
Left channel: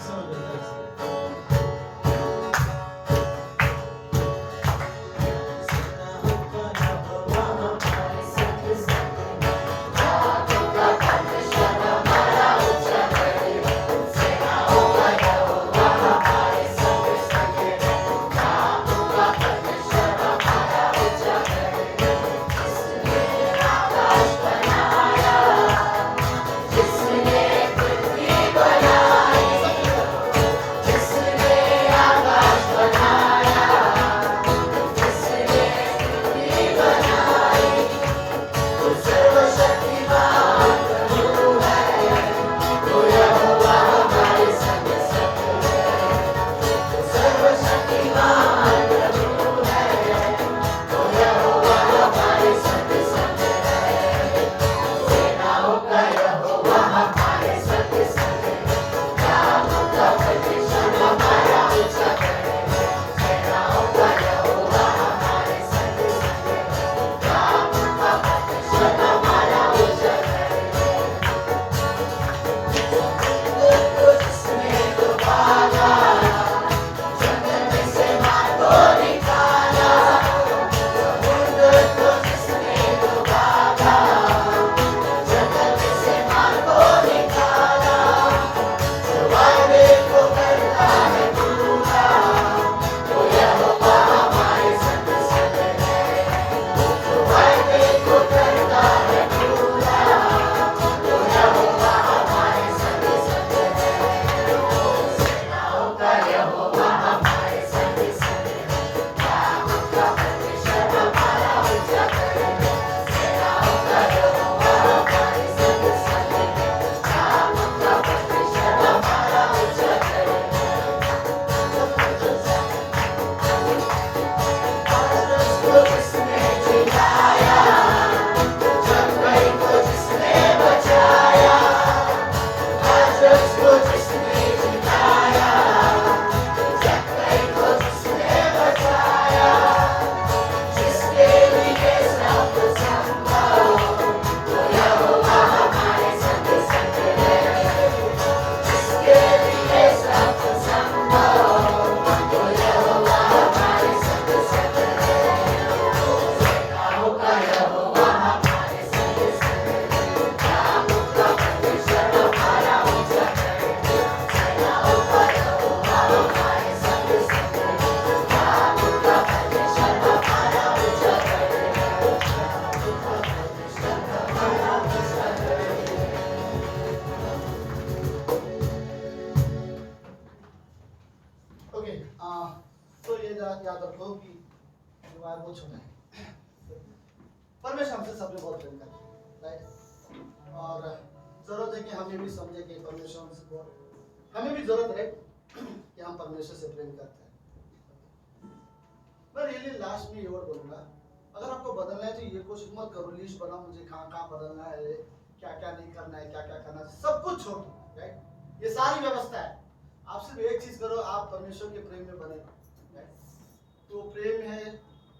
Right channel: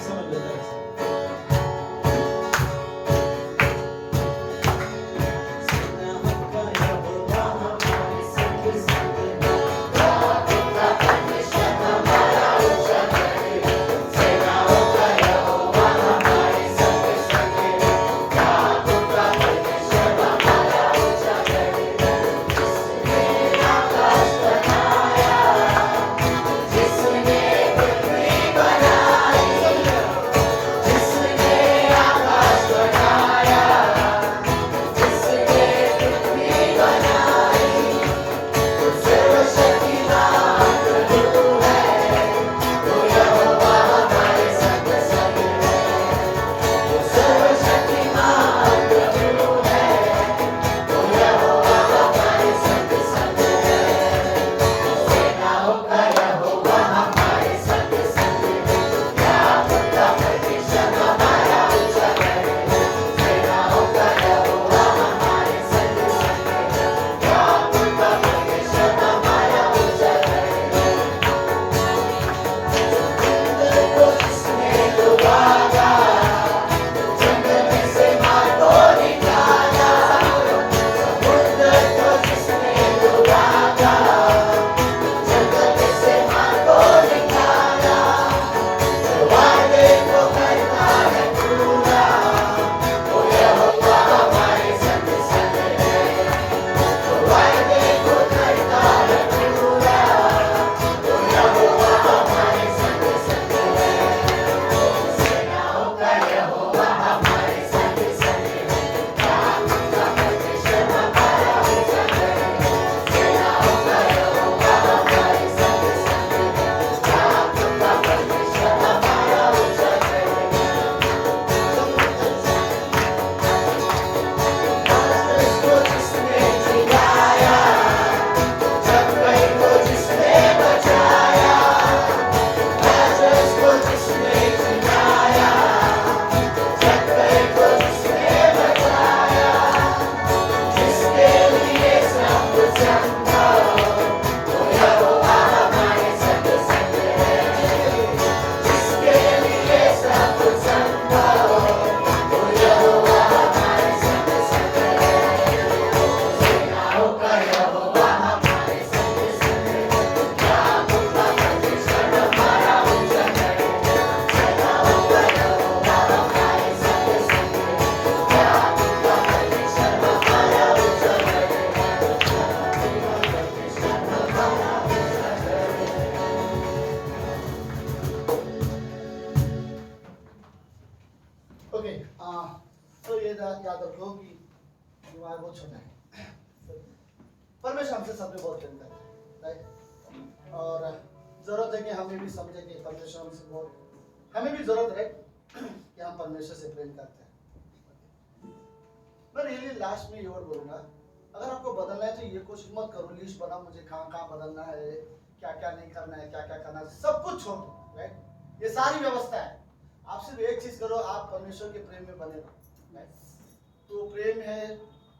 समझ लो जरा सा। ओके, तो ये याद रखो कि युवा बहुत छोटा है। परमेश्वर हमसे सबने बहुत प्रेम करता है, राइट? और जरूरत है कि हमें भी समझे कि परमेश्वर हमसे बहुत, हमें भी जरूरत है कि हम परमेश्वर से प्रेम करते हैं। मैं रियली लास्ट में ये वर्ड बोलूंगा, अगर आपको बदलना है तो ये कोशिश मत करो लिस्ट बना मुझे कहाँ कहाँ बदलना है, क्या क्या नहीं करना है, क्या क्या करना है, सब कुछ छोड़ दो, राइट? ये सारी व्यवस्था है। आप सिर्फ एक चीज करो, आप परमेश्वर के प्रेम में बने रहो, राइट? तो प्रेम है,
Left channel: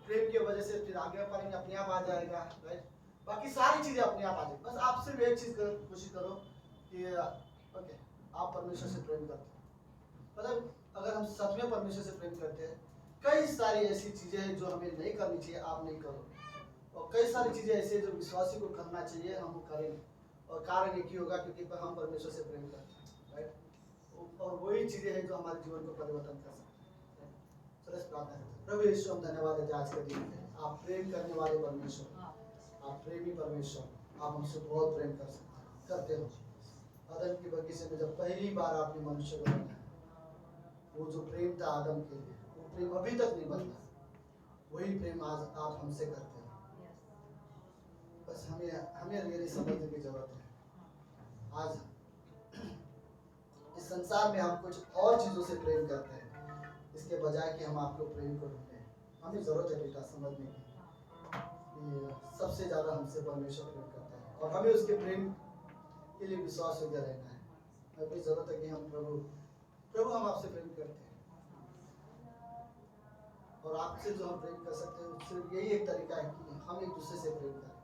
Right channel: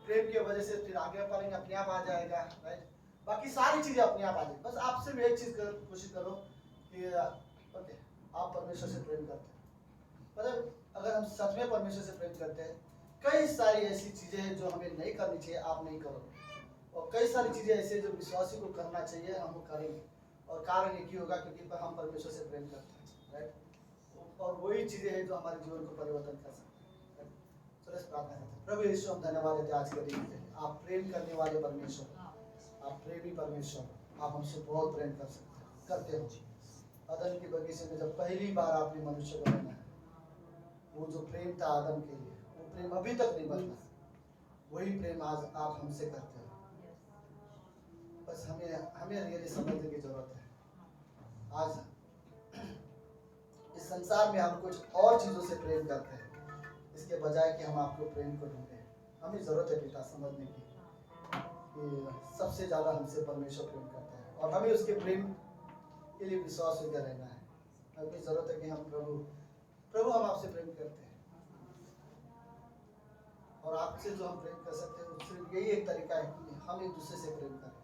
प्रेम की वजह से फिर आगे बढ़ेंगे, अपने आप आ जाएगा, राइट? बाकी सारी चीजें अपने आप आ जाएगी। बस आप सिर्फ एक चीज कोशिश करो कि ओके, आप परमेश्वर से प्रेम करते हो। मतलब अगर हम सच में परमेश्वर से प्रेम करते हैं, कई सारी ऐसी चीजें हैं जो हमें नहीं करनी चाहिए, आप नहीं करोगे, और कई सारी चीजें ऐसी हैं जो विश्वासी को करना चाहिए, हम वो करेंगे। और कारण एक ही होगा क्योंकि हम परमेश्वर से प्रेम करते हैं, राइट? और वही चीजें हैं जो हमारे जीवन को परिवर्तन कर सकती हैं। तो प्रार्थना करते हैं। प्रभु यीशु, हम धन्यवाद देते हैं आज के दिन के लिए। आप प्रेम करने वाले परमेश्वर, आप प्रेमी परमेश्वर, आप हमसे बहुत प्रेम करते हो। आदम के बगीचे में जब पहली बार आपने मनुष्य को बनाया, वो जो प्रेम था आदम के लिए, वो प्रेम अभी तक नहीं बदला। वही प्रेम आज आप हमसे करते हो। बस हमें रियली समझने की जरूरत है। आज इस संसार में हम कुछ और चीजों से प्रेम करते हैं, इसके बजाय कि हम आपको प्रेम को ढूंढें। हमें जरूरत है बेटा समझने की कि सबसे ज्यादा हमसे परमेश्वर प्रेम करता है और हमें उसके प्रेम के लिए विश्वास योग्य रहना है। हमें जरूरत है कि हम प्रभु हम आपसे प्रेम करते हैं और आपसे जो हम प्रेम कर सकते हैं सिर्फ यही एक तरीका है कि हम एक दूसरे से प्रेम करें।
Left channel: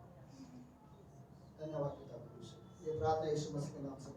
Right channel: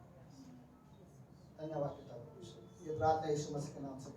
धन्यवाद पिता परमेश्वर। ये प्रार्थना यीशु मसीह के नाम से